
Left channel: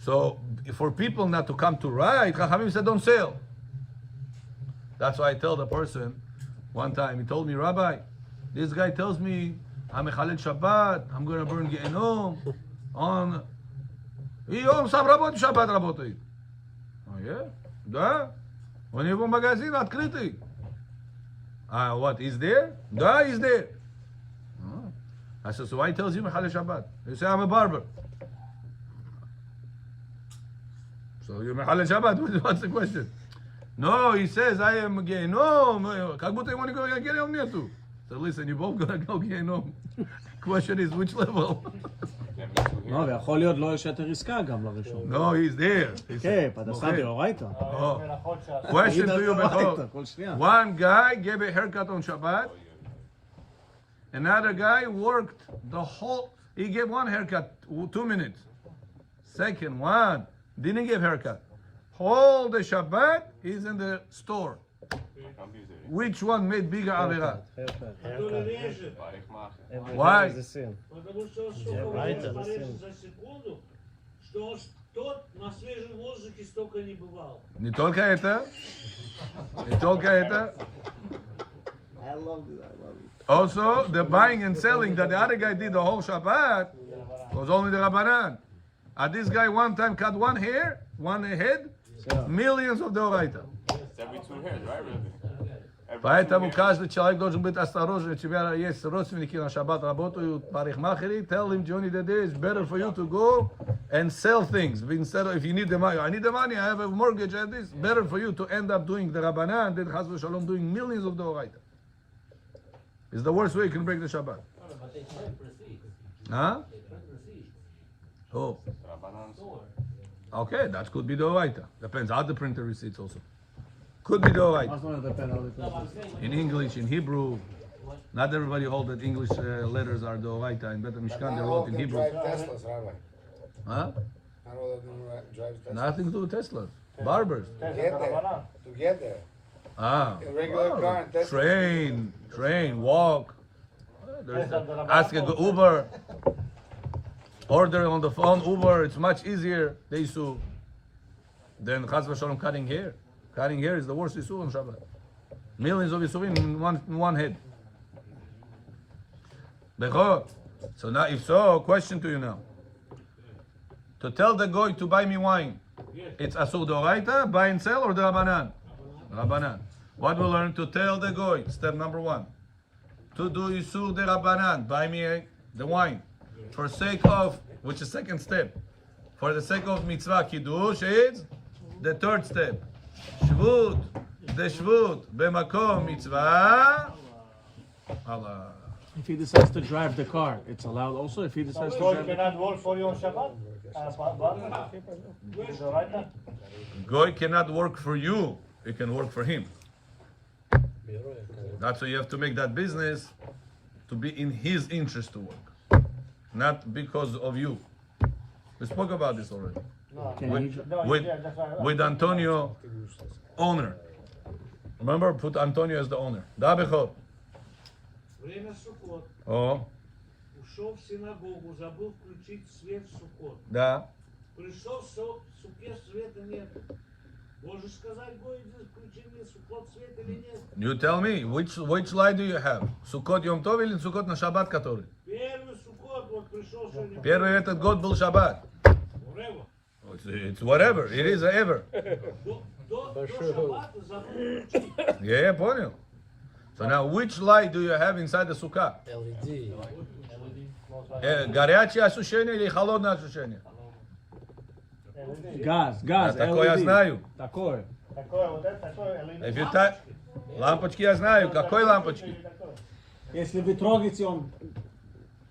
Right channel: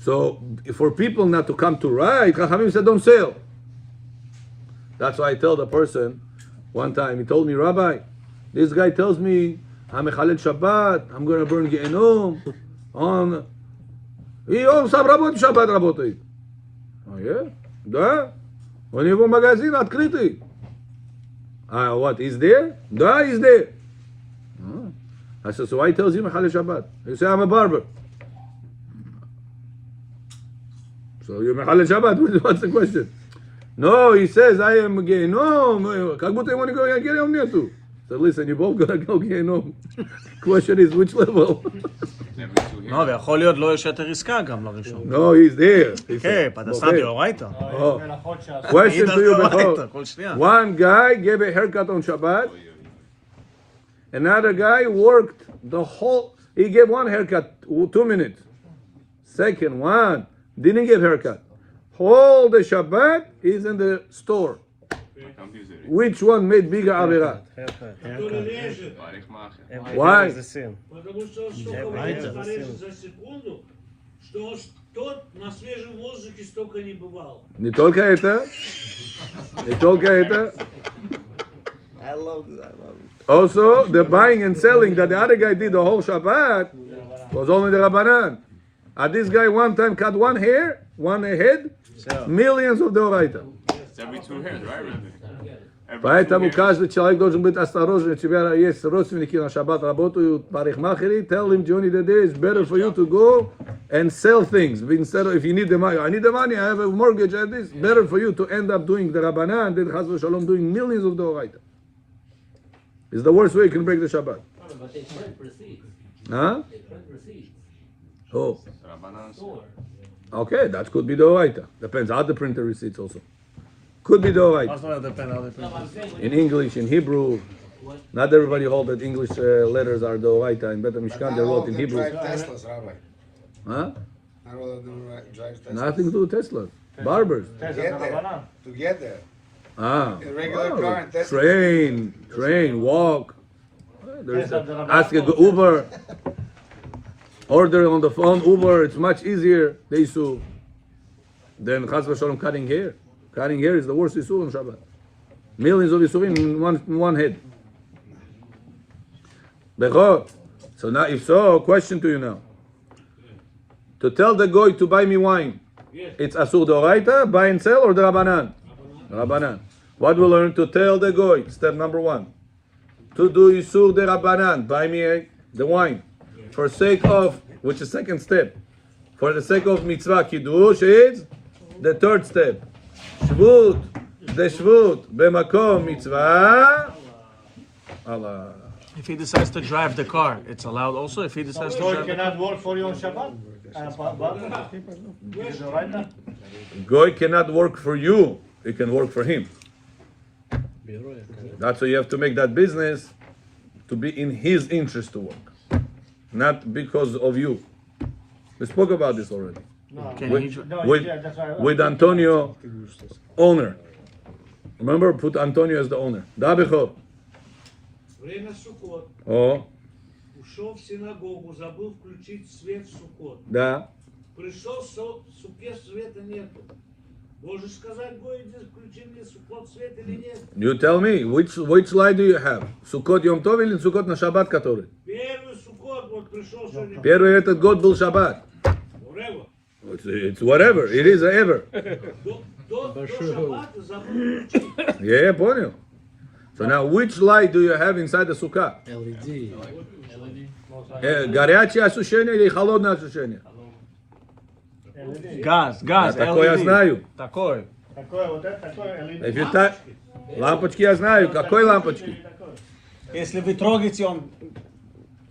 So for people not to come to write, Chachamim said don't sell. That's why I tell the person, one time he told me, Rabbi, this guy tells me, I'm a Chalel Shabbat, I'm going to burn Gehenom on... И он сам работает, Шаббат работает. Yeah? Да. У него магазин открытый. What, he's there? Да, he's there. I said, so why he tells you Mechalel Shabbat? He said, I'm a barber. So you're Mechalel Shabbat, what's the question? No, he says, I am Gehenom. Как будто ему никакого Gehenom нету. So listen, you're both going to go Gehenom. Question is, which level? לא, ויכול להיות לא יש יותר עסקה גם לראשון. No, he's there. He כן, said, פרנסה okay. דאורייתא. Oh. Question to you, Bechor. כל שנייה. One guy gave a haircut on Shabbat. Another guy worked the whole. He gave one haircut, 2 minutes. Second one didn't give haircut. Whole the Shabbat is in the store. Which one made bigger avera? Why? Потому что он столько времени порежет за секунду, что тот на свежем воздухе столько не бывал. Не только это. Не только это. Also, the buying and selling that the other guy did the whole Shabbat was only the Rabbanan. And this guy one time cut one hair, one head, millions of Deoraita. It's every 2 hairs, right? Поэтому каждый человек должен быть осторожен. У тебя есть родственники на Шаббат работают, парикмахери, tell him during the day it's better for you to go and sell things. Instead of, if you need the money, I need the money, I have a mortgage and this. Better for you to end up doing the Rabbanan and then Chas v'Shalom doing millions of Deoraita. It's the worst way you can break the Shabbat. But they print receipts. Huh? They print receipts. Oh. Store. Okay, that could be Deoraita. Depends how the printer receipts also. Could be Deoraita. מה זאת אומרת דפן על No, I'm saying when In English, in Hebrew. Not everybody holds that English letters are Deoraita. In Bet HaMishkan, they wrote in Hebrew. Drive Teslas, Rabbi. Huh? Not all of them drive Teslas. Nothing to do with Teslas. Barbers. To get there. Ah. A regular car and Tesla. Train, walk. There's ask a Uber. Order on the phone, Uber. It's much easier. They issue. Then Chas v'Shalom cutting hair. Cutting hair is the worst issue on Shabbat. Millions of isurim in one head. Bechor. So now, if so, question to you now. To tell the goy to buy me wine, it's asur d'oraita, buy and sell, or the Rabbanan? Rabbanan. What we learn? To tell the goy, step number 1. To do isur de Rabbanan, buy me the wine. For sake of, which is second step. For the sake of mitzvah kiddush is the third step. Shvut, the shvut, b'makom mitzvah. Allah. If he decides to drive the car, it's allowed also if he decides to So he drive. cannot work for you on Shabbat? Goy cannot work for you. He can work for him. That's why you have to make that business to be in his interest to work, not because of you. We spoke about this already. With Antonio, owner. Remember, put Antonio as the owner. Da Bechor. Время Суккот. Oh, Ушел в синагогу, забыл включить свет в Суккот. да. Пришел в суке, света нет. Можешь сказать, Гойде, включи мне Суккот свет или нет? You tell me, which light do you have? Sukkot Yom Tov или Sukkot на Шаббат который? Первый Суккот, вот пришел сегодня. Первый этот год был Шаббат. Whatever. It's whatever. It is ever. До Шаббата забыл включить. Yeah, понял. So now, which light do you have inside the sukkah? LED. Горячее освещение или холодное освещение? Газ, Такое я знаю. Такой. Такое вот это, такое LED. If you touch... Лампочки я знаю. Какой лампочки? Если вы трогаете, он...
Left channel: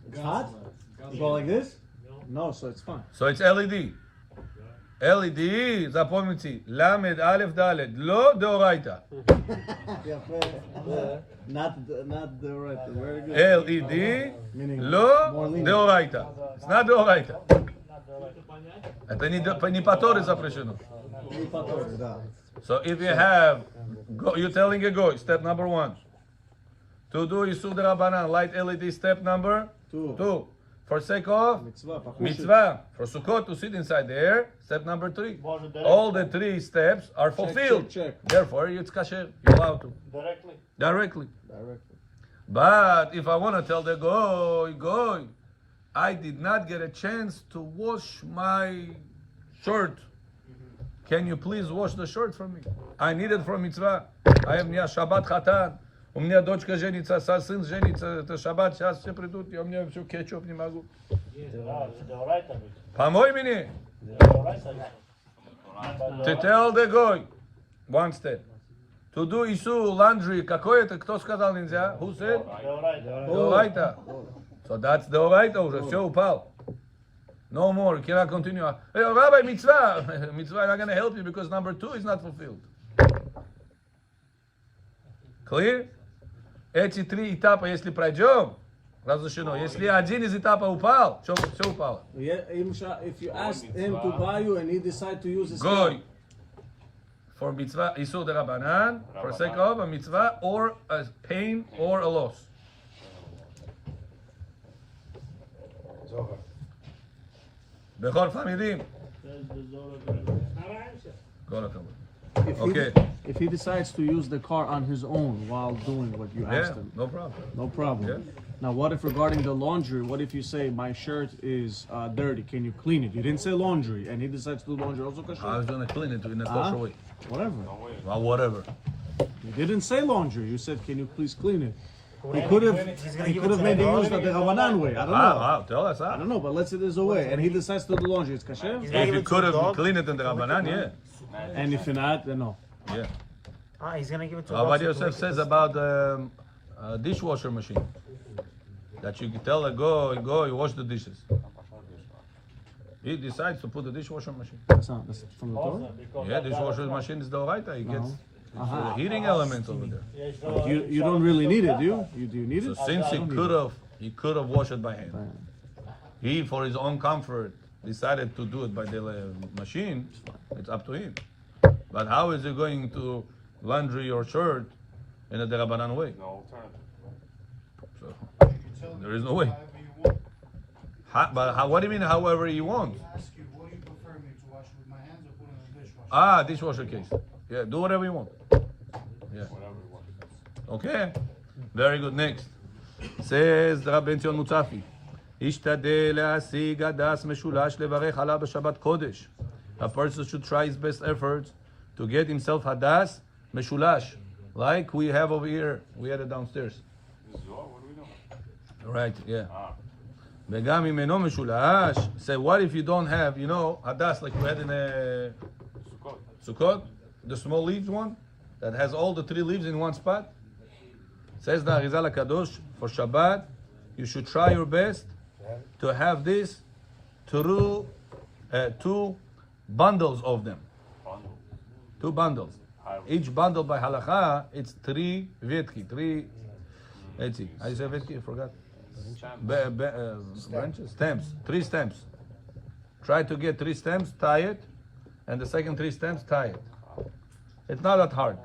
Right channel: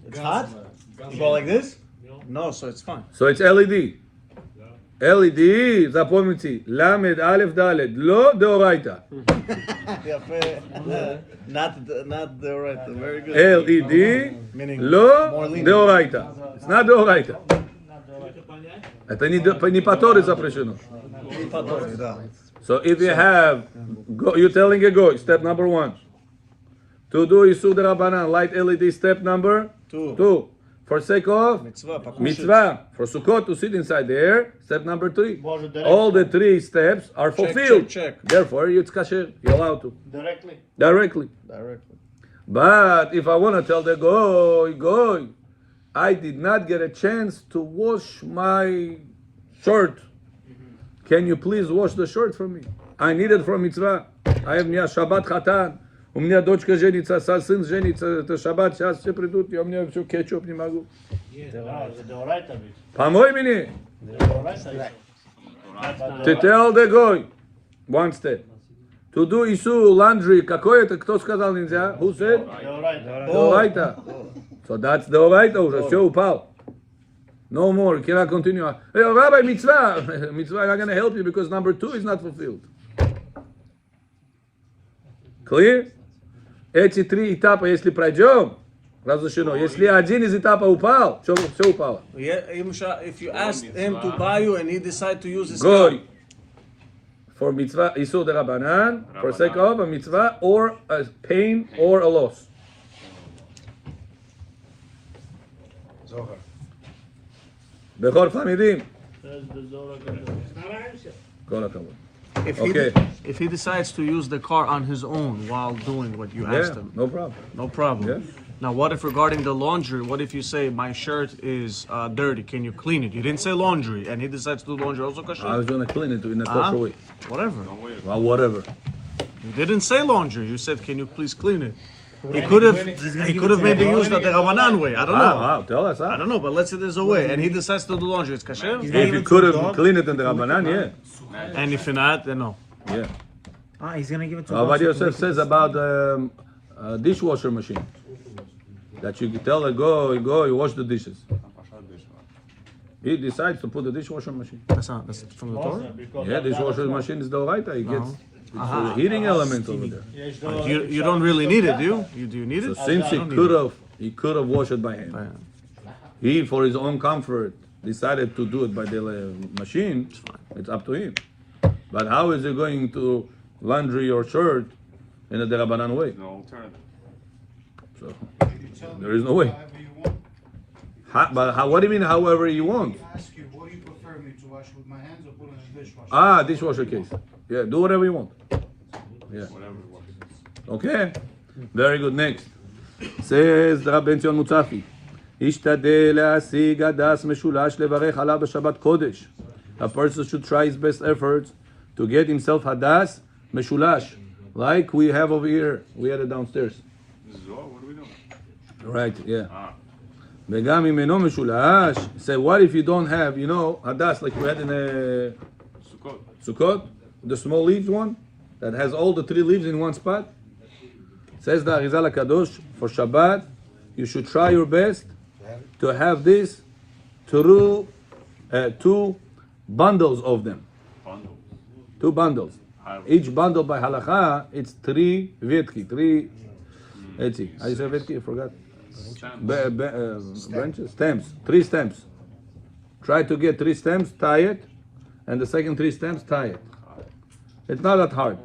It's hot? You go like this? No, so it's fine. So it's LED. LED, запомните, למד, א', ד', לא דאורייתא. Not the right, very good. LED, לא דאורייתא. It's not דאורייתא. Это не по Торе запрещено. So if you have, you're telling a goy, step number 1. To do Yisur Rabbanan, light LED, step number 2. For sake of mitzvah, for Sukkot to sit inside there, step number 3. All the 3 steps are fulfilled. check. Therefore, it's kasher. You're allowed to. Directly. Directly. But if I want to tell the goy, I did not get a chance to wash my shirt. Can you please wash the shirt for me? I need it for mitzvah. I have Shabbat Chatan. У меня дочка женится, сын женится, это шаббат, сейчас все придут, я у меня все кетчуп не могу. Помой мне. To tell the goy, 1 step. To do issue laundry, какой это, кто сказал нельзя? Who said? Деорайта. So that's деорайта уже, все упал. No more. You cannot continue. Hey, Rabbi, mitzvah. Mitzvah, I'm not going to help you because number 2 is not fulfilled. Clear? Эти 3 этапа, если пройдем, разрешено. Если один из этапов упал, все упало. Yeah, if you ask him to buy you and he decide to use his Goy. For mitzvah, isur derabanan, for sake of a mitzvah, or a pain, or a loss. Bechor Famidim. Kol hakavod. Okay. If he decides to use the car on his own while doing what you asked Yeah, him, no problem. no problem. Yeah. Now, what if regarding the laundry? What if you say my shirt is dirty? Can you clean it? You didn't say laundry, and he decides to do laundry also kasher. I was going to clean it in a kosher way. Whatever. Well, whatever. You didn't say laundry. You said, can you please clean it? He could have made the use of the Ramanan way. I don't know. Tell us. I don't know, but let's say there's a way, and he decides to do laundry. It's kasher. If you could have cleaned it in the Rabbanan, yeah. And if not, then no. Yeah. He's gonna give it to Avad Yosef says about a dishwasher machine. That you tell her, go, you wash the dishes. He decides to put the dishwasher machine. That's from the Torah. Yeah, dishwasher machine is the oraita. He gets it's a heating element over there. You don't really need it, do you? Do you need So it? since he could have washed it by hand. He, for his own comfort, decided to do it by the machine. It's up to him. But how is he going to laundry your shirt in a derabanan way? No alternative. So there is no way. What do you mean, however you want? Ask you, what do you prefer me to wash with my hands or put in a dishwasher? Dishwasher case. Yeah, do whatever you want. Yeah. Okay. Very good. Next. Says the Rabbi Tion Mutzafi. השתדל להשיג הדס משולש לברך עליו בשבת קודש. A person should try his best efforts to get himself hadas meshulash, like we have over here. We had it downstairs. What do we do? Right, yeah. וגם אם אינו משולש, say what if you don't have, hadas like we had in a Sukkot, the small leaves one that has all the 3 leaves in one spot. Says the Arizal HaKadosh, for Shabbat, you should try your best to have this through 2 bundles of them. 2 bundles. Each bundle by halacha, it's 3 vetki, 3, let's see, how you say vetki? I forgot. Branches? Stems. 3 stems. Try to get 3 stems, tie it, and the second 3 stems, tie it. It's not that hard.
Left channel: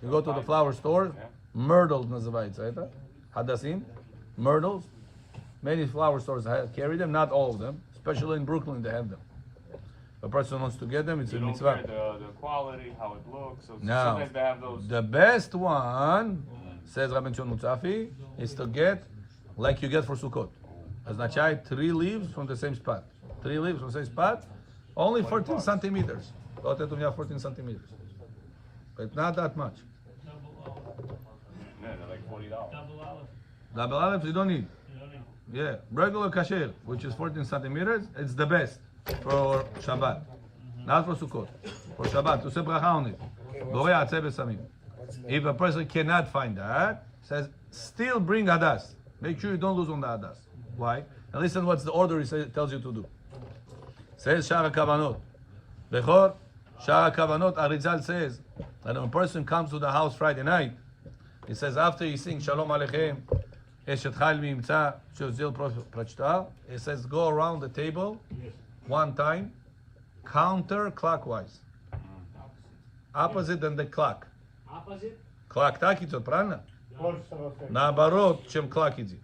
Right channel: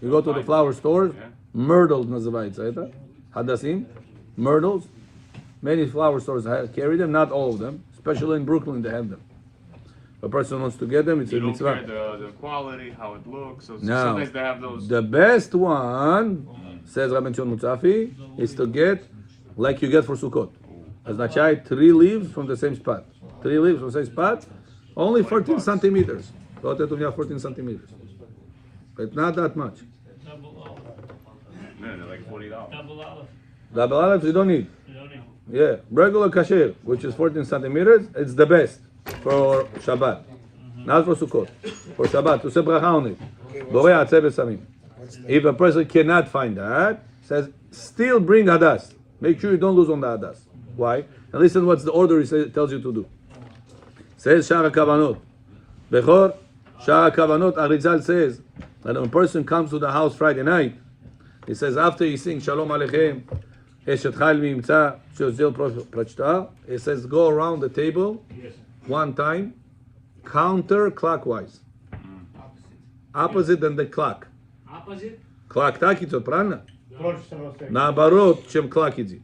You go to the flower stores, myrtles называется это, hadasim, myrtles. Many flower stores carry them, not all of them. Especially in Brooklyn, they have them. If a person wants to get them, it's a mitzvah. You don't care the quality, how it looks. So Now, sometimes they have those. the best one, says Rabbi Tion Mutzafi, is to get like you get for Sukkot. Означает 3 leaves from the same spot. 3 leaves from the same spot, only 14 centimeters. Вот это у меня 14 centimeters. It's not that much. Man, they're like $40. Double olives you don't need. Yeah, regular kasher, which is 14 centimeters, it's the best for Shabbat. Not for Sukkot. For Shabbat, to say bracha on it. Borei atzeh besamim. If a person cannot find that, says, still bring hadas. Make sure you don't lose on the hadas. Why? And listen what's the order he tells you to do. Says Shara Kavanot. Bechor, Shara Kavanot, Arizal says, that when a person comes to the house Friday night, he says, after he sings Shalom Aleichem, Eshet Chayil Mimtza, Shozil Prachta, he says, go around the table 1 time, counterclockwise. Opposite than the clock. Opposite? Clock так идет, правильно? Наоборот, чем clock идет.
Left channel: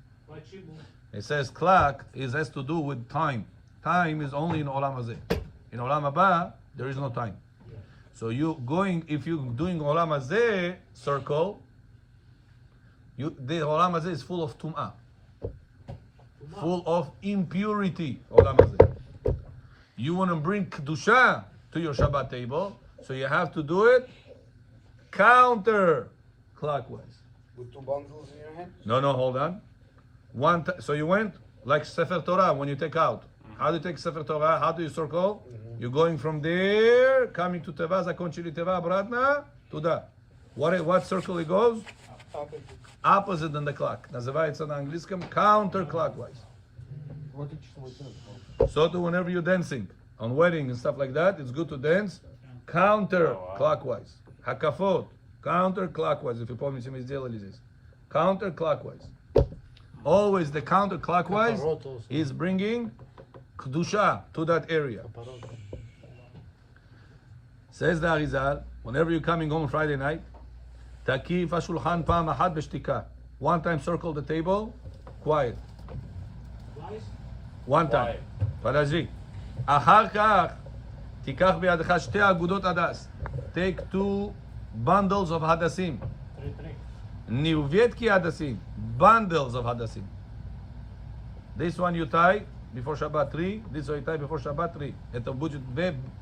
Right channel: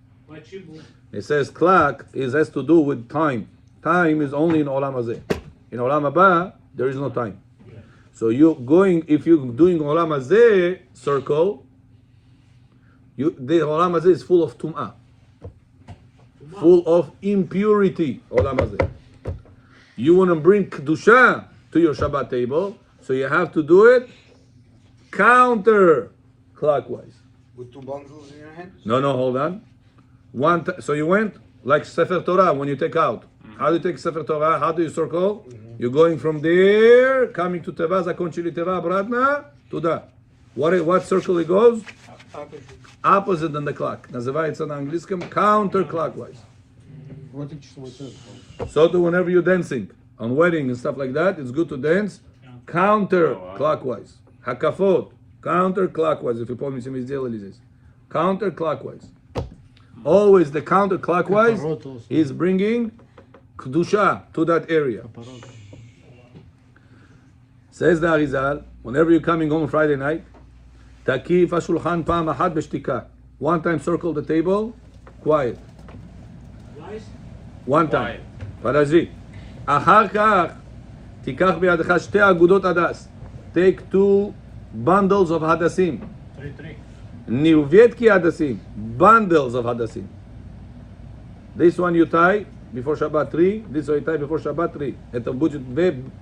It says clock has to do with time. Time is only in Olam Hazeh. In Olam Haba, there is no time. So if you're doing Olam Hazeh circle, the Olam Hazeh is full of Tum'ah. Full of impurity, Olam Hazeh. You want to bring Kedusha to your Shabbat table, so you have to do it counter clockwise. With 2 bundles in your hand? No, hold on. So you went like Sefer Torah when you take out. How do you take Sefer Torah? How do you circle? You're going from there, coming to Teva, Zakonchili Teva, Bratna, to that. What circle it goes? Opposite than the clock. Называется на английском counterclockwise. So too, whenever you're dancing on wedding and stuff like that, it's good to dance counterclockwise. Hakafot, counterclockwise. If you put me some counterclockwise. Always the counterclockwise is bringing kedusha to that area. Says the Arizal, whenever you're coming home Friday night, takif hashulchan pa'am achat b'shtika. One time circle the table, quiet. One time. פרז'י. אחר כך, תיקח בידך שתי אגודות הדס. Take 2 bundles of hadassim. Niuvietki hadassim. Bundles of hadassim. This one you tie before Shabbat 3. This one you tie before Shabbat 3. את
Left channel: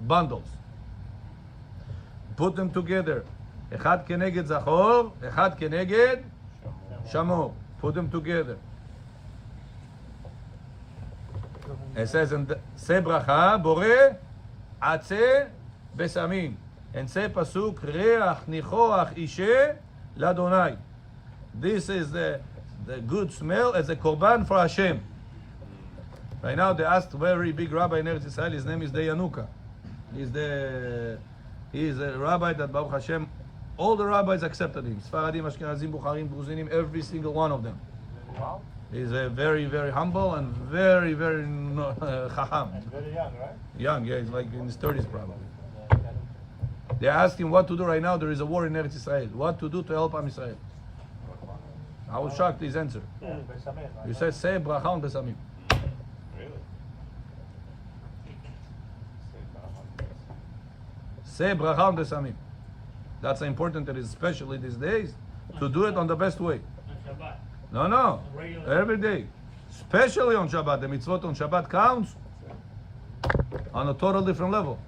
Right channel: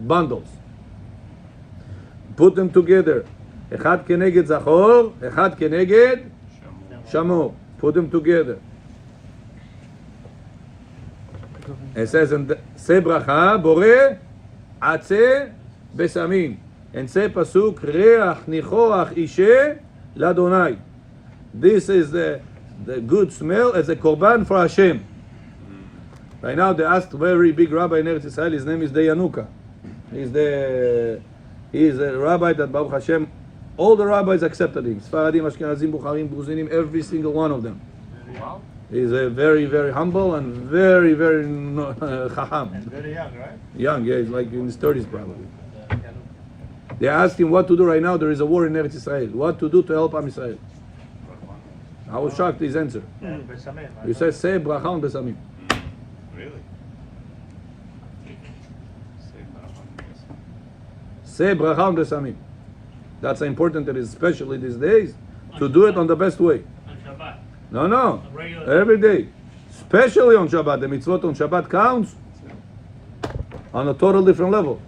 bundles. Put them together. אחד כנגד זכור, אחד כנגד שמור. Put them together. It says, say bracha, bore, atze, besamim. And say pasuk, reach nichoach ishe, ladonai. This is the good smell as a korban for Hashem. Right now they asked a very big rabbi in Eretz Israel, his name is Dayanuka. He is a rabbi that Baruch Hashem, all the rabbis accepted him. Sfaradim, Ashkenazim, Bukharim, Gruzinim, every single one of them. He's a very, very humble and very, very chacham. Very young, right? Young, yeah, he's like in his 30s probably. They asked him what to do right now. There is a war in Eretz Israel. What to do to help Am Israel? I was shocked his answer. He said, say bracha on besamim. Say bracha on besamim. That's important, it is especially these days, to do it on the best way. No, every day. Especially on Shabbat. The mitzvot on Shabbat counts on a total different level.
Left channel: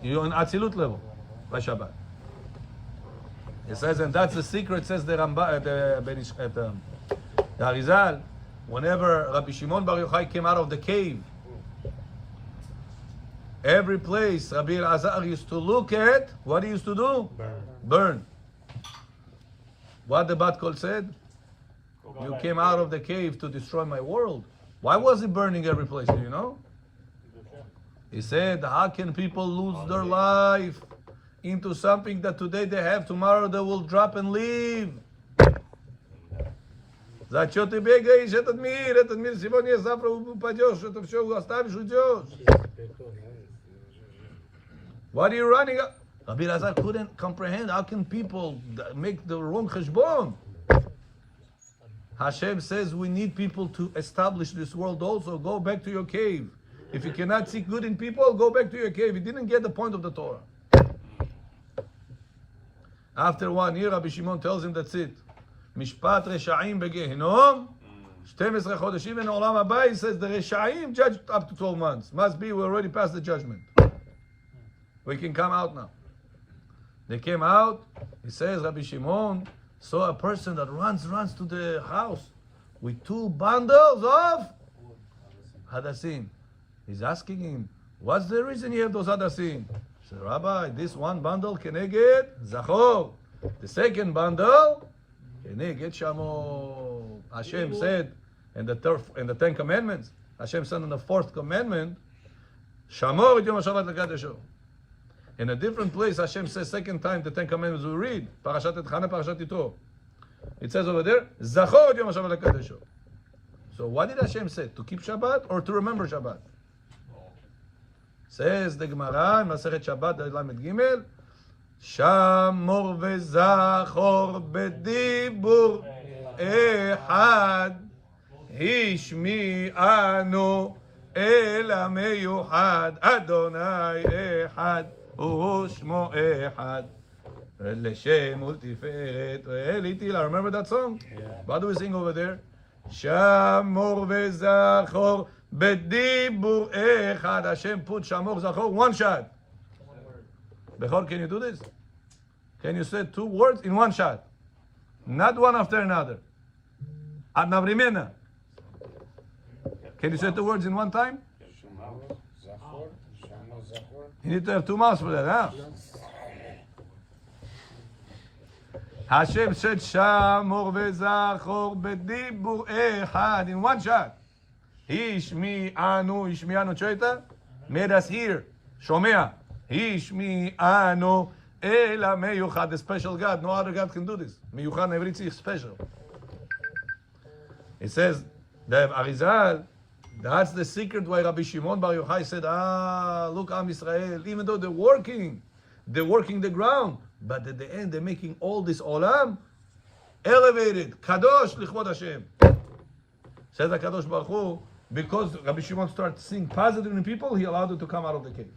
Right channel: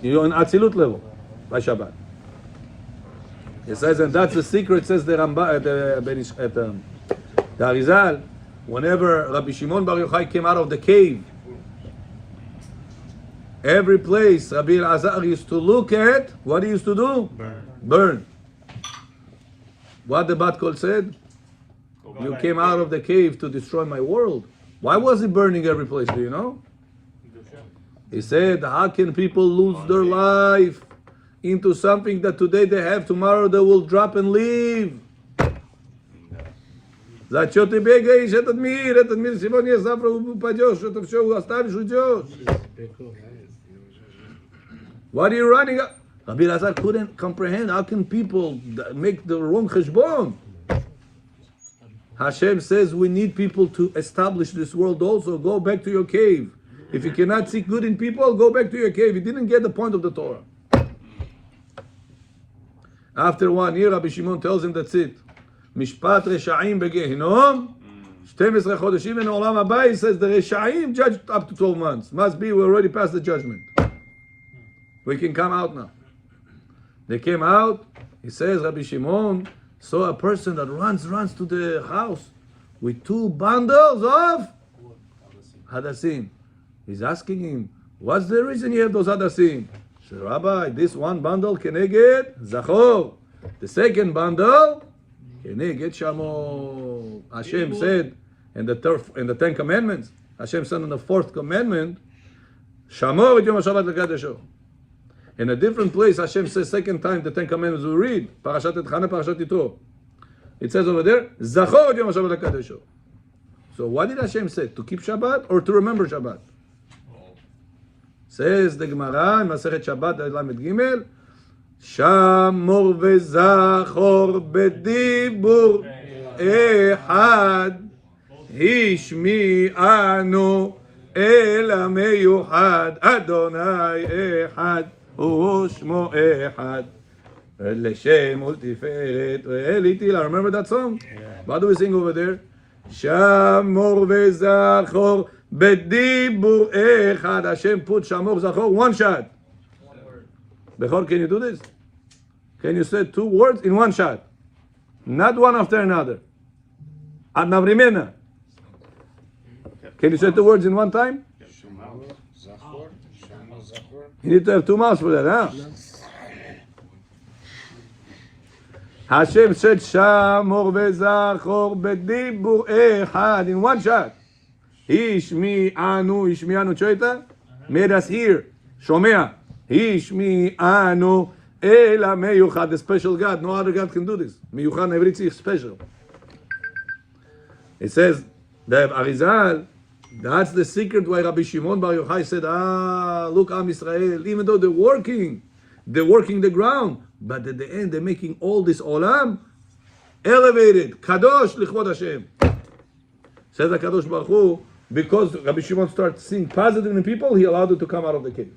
You're on Atzilut level by Shabbat. It says, and that's the secret, says the Arizal, whenever Rabbi Shimon Bar Yochai came out of the cave, every place Rabbi Elazar used to look at, what he used to do? Burn. What the Bat Kol said? You came out of the cave to destroy my world. Why was he burning every place? Do you know? He said, how can people lose their life into something that today they have, tomorrow they will drop and leave? Зачем ты бегаешь этот мир сегодня, завтра упадешь, это все оставишь, уйдешь. What are you running up? Rabbi Elazar couldn't comprehend, how can people make the wrong cheshbon? Hashem says we need people to establish this world also. Go back to your cave. If you cannot see good in people, go back to your cave. You didn't get the point of the Torah. After 1 year, Rabbi Shimon tells him that's it. Mishpat Reshaim begehinom, 12 chodeshim in Olam Haba. He says the Reshaim judged up to 12 months. Must be, we already passed the judgment. We can come out now. They came out. He says, Rabbi Shimon saw a person that runs to the house with 2 bundles of hadassim. He's asking him, what's the reason you have those hadassim? He said, Rabbi, this 1 bundle keneged zachor. The second bundle keneged shamor. Hashem said in the 10 commandments, Hashem said in the 4th commandment, shamor et yom HaShabbat lekadesho. In a different place, Hashem says, second time, the 10 commandments we read, Parashat Etchana, Parashat Yitro. It says over there, Zachor Yom HaShabbat HaKadesho. So what did Hashem say? To keep Shabbat or to remember Shabbat? Says the Gemara in Masechet Shabbat, Lamed Gimel, Shamor ve'zachor bedibur echad hishmi'anu el ha'meyuchad Adonai echad Ushmo Ehad Leshem Ultiferet Elitila. Remember that song? What do we sing over there? Shamor ve'zachor bedibur echad. Hashem put Shamor Zachor 1 shot. Bechor, can you do this? Can you say 2 words in 1 shot? Not one after another. Ad Navrimena. Can you say 2 words in 1 time? You need to have 2 mouths for that, huh? Hashem said, Shamor ve'zachor bedibur echad in 1 shot. השמיענו, תשמע, made us hear, שומע, השמיענו, אלא מיוחד, the special God, no other God can do this. מיוחד, everything is special. It says, the Arizal, that's the secret why Rabbi Shimon Bar Yochai said, look, Am Israel, even though they're working the ground, but at the end they're making all this olam elevated, kadosh lichvod Hashem. Says the Kadosh Baruch Hu, because Rabbi Shimon starts seeing positive in people, he allowed it to come out of the cave.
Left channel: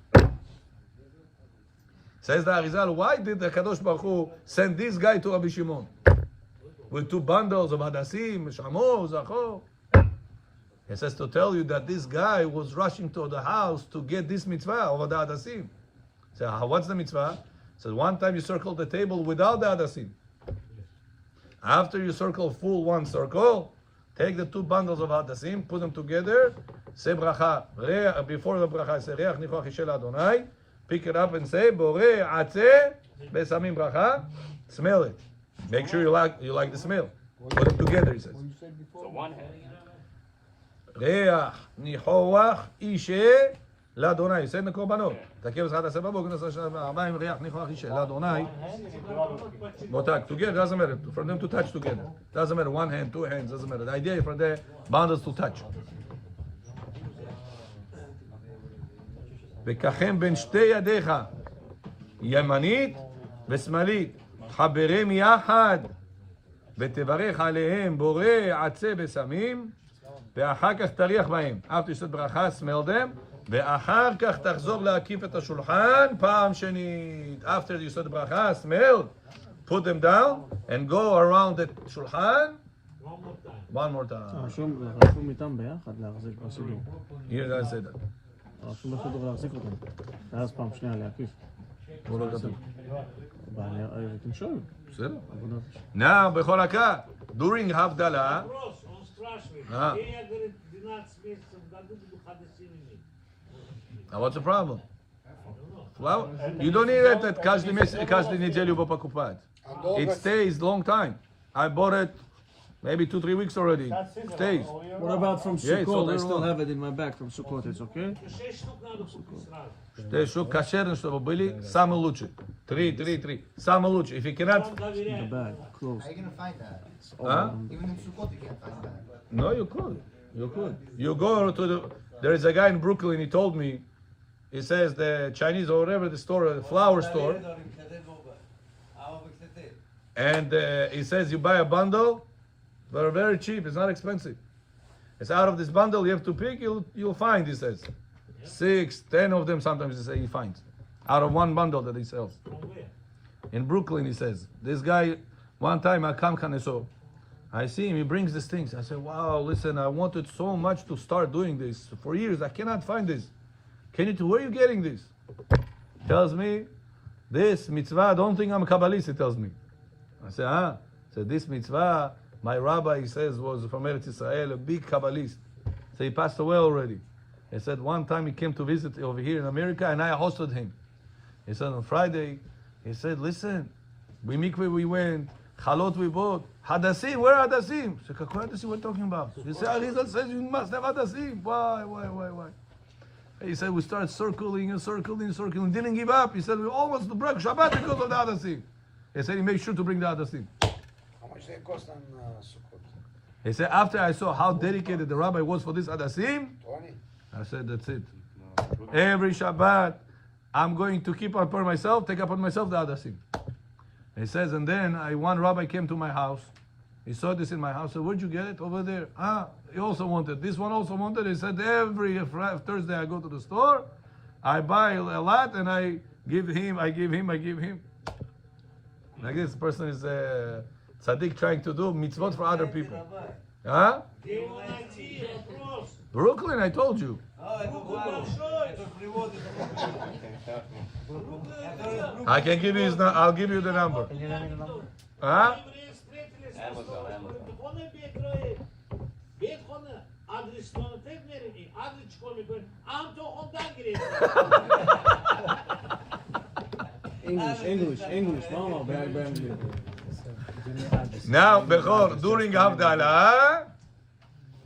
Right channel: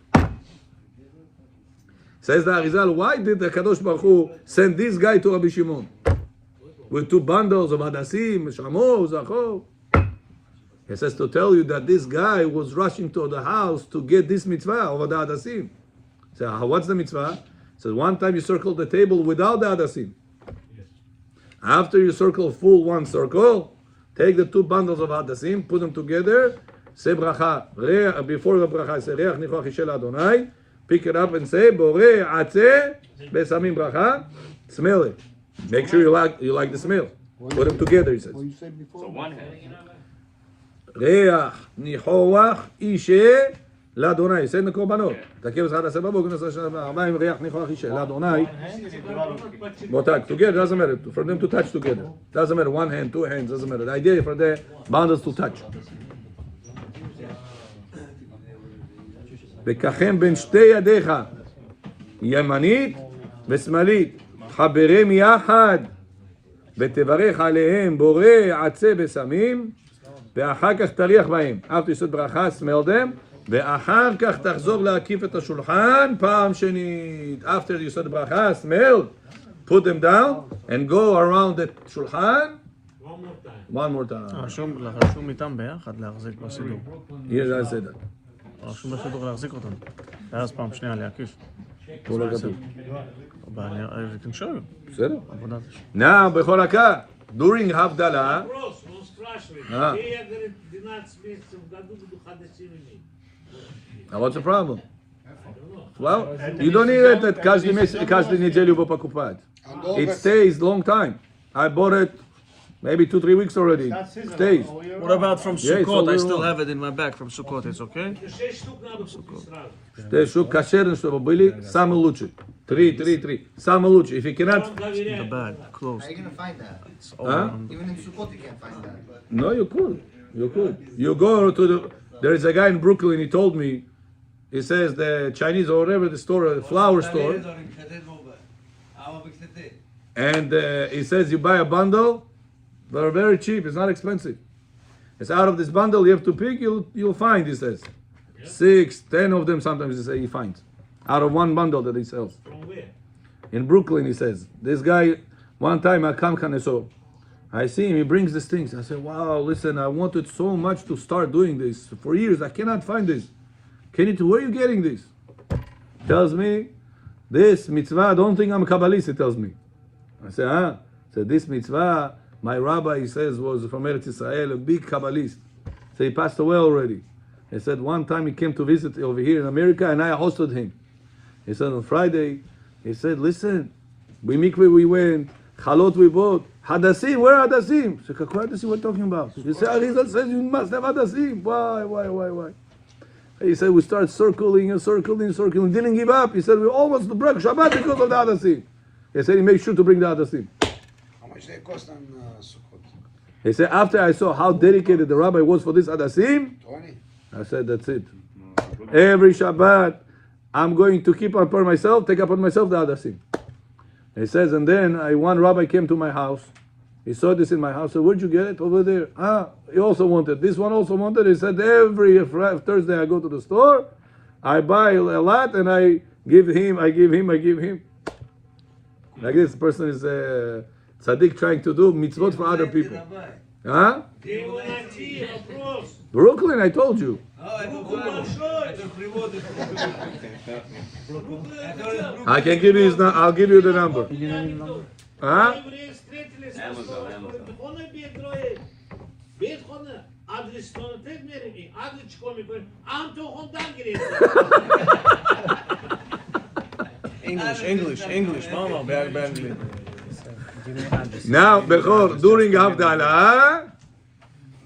Says the Arizal, why did the Kadosh Baruch Hu send this guy to Rabbi Shimon with 2 bundles of hadassim, shamo, zachor? He says to tell you that this guy was rushing to the house to get this mitzvah over the hadassim. So what's the mitzvah? So one time you circle the table without the hadassim. After you circle full one circle, take the 2 bundles of hadassim, put them together, say bracha. Before the bracha, say reach nichoach ishel Adonai. Pick it up and say borei atzeh besamim bracha. Smell it. Make sure you like the smell. Put them together, he says. What you said before? So one hand. ריח ניחוח אישה לאדוני. סייד מקורבנות. תקף את 11 בבוקר, נעשה שנה 40, ריח ניחוח אישה לאדוני. Motag, together, doesn't matter. For them to touch together. Doesn't matter, 1 hand, 2 hands, doesn't matter. The idea is for the bundles to touch. וככם בין שתי ידיך, ימנית ושמאלית, חברם יחד, ותברך עליהם בורא עצי בשמים, ואחר כך תריח בהם. After you said ברכה, smell them, ואחר כך תחזור להקיף את השולחן פעם שנית. After you said ברכה, smell, put them down, and go around the שולחן. One more time. רשום איתם ביחד להחזיק בסידור. Here I said that. רשום בסידור להחזיק אותם. ואז פעם שנייה להקיף. פה לא כתוב. can show you. בסדר. Now, בכל הקה, during הבדלה, what's the problem? Well, you don't need it that каждый неделю вы покупать. It stays long time. I bought it maybe 2-3 weeks already. It stays. What about from Yeah, it's Sukkot? I all still wrong. have it in my bag from Sukkot. It's okay? Что шуб кошерный, чтобы были самые лучшие. 3. Самые лучшие. If you cannot... The bag, closed. How are you gonna find that? Huh? Even in Sukkot you can't find that. No, you could. You go to the... There is a guy in Brooklyn, he told me, he says the Chinese or whatever the store, the flower store, and he says you buy a bundle, they're very cheap, it's not expensive. It's out of this bundle you have to pick, you'll find, he says. 6, 10 of them sometimes he finds. Out of one bundle that he sells. In Brooklyn, he says. This guy, one time I come I see him, he brings these things. I say, wow, listen, I wanted so much to start doing this. For years, I cannot find this. Where are you getting this? Tells me, this mitzvah, I don't think I'm a Kabbalist, he tells me. I say, So this mitzvah, my rabbi, he says, was from Eretz Israel, a big Kabbalist. So he passed away already. He said one time he came to visit over here in America and I hosted him. He said on Friday, he said, listen, mikveh we went, chalot we bought, hadassim, where are hadassim? So what hadassim we're talking about? He said, Arizal says you must have hadassim. Why? He said we started circling, didn't give up. He said we almost broke Shabbat because of the hadassim. He said he made sure to bring the hadassim. How much they cost on Sukkot? He said after I saw how dedicated the rabbi was for this hadassim, 20. I said that's it. Every Shabbat, I'm going to take upon myself the hadassim. He says, and then one rabbi came to my house. He saw this in my house. So where'd you get it? Over there. He also wanted. This one also wanted. He said, every Thursday I go to the store, I buy a lot, and I give him. Like this person is a tzaddik trying to do mitzvot for other people. Huh? Brooklyn, I told you. I can give you his number. I'll give you the number. Huh? English. Mama, Now, Bechor, during Havdalah,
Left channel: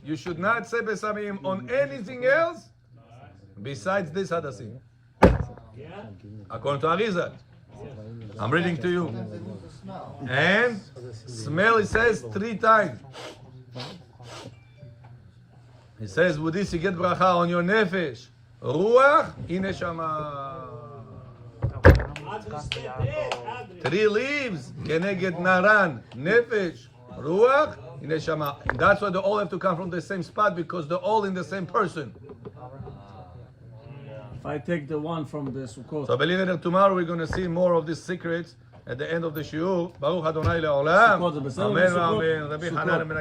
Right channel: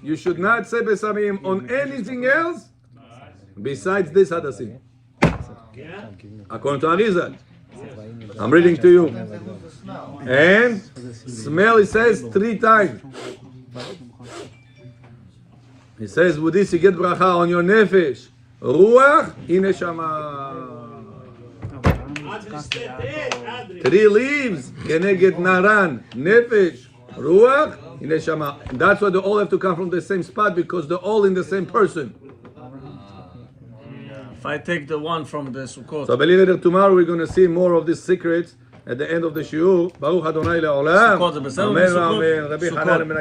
You should not say besamim on anything else besides this hadasim. According to Arizal. I'm reading to you. And smell, it says 3 times. He says, with this you get bracha on your nefesh. Ruach, ineshama. 3 leaves, keneged naran, nefesh, ruach, ineshama. That's why they all have to come from the same spot because they're all in the same person. If I take the one from the Sukkot. So I believe that tomorrow we're going to see more of these secrets at the end of the shiur. Baruch Adonai le'olam. Amen. Amen. Rabbi Hanan ben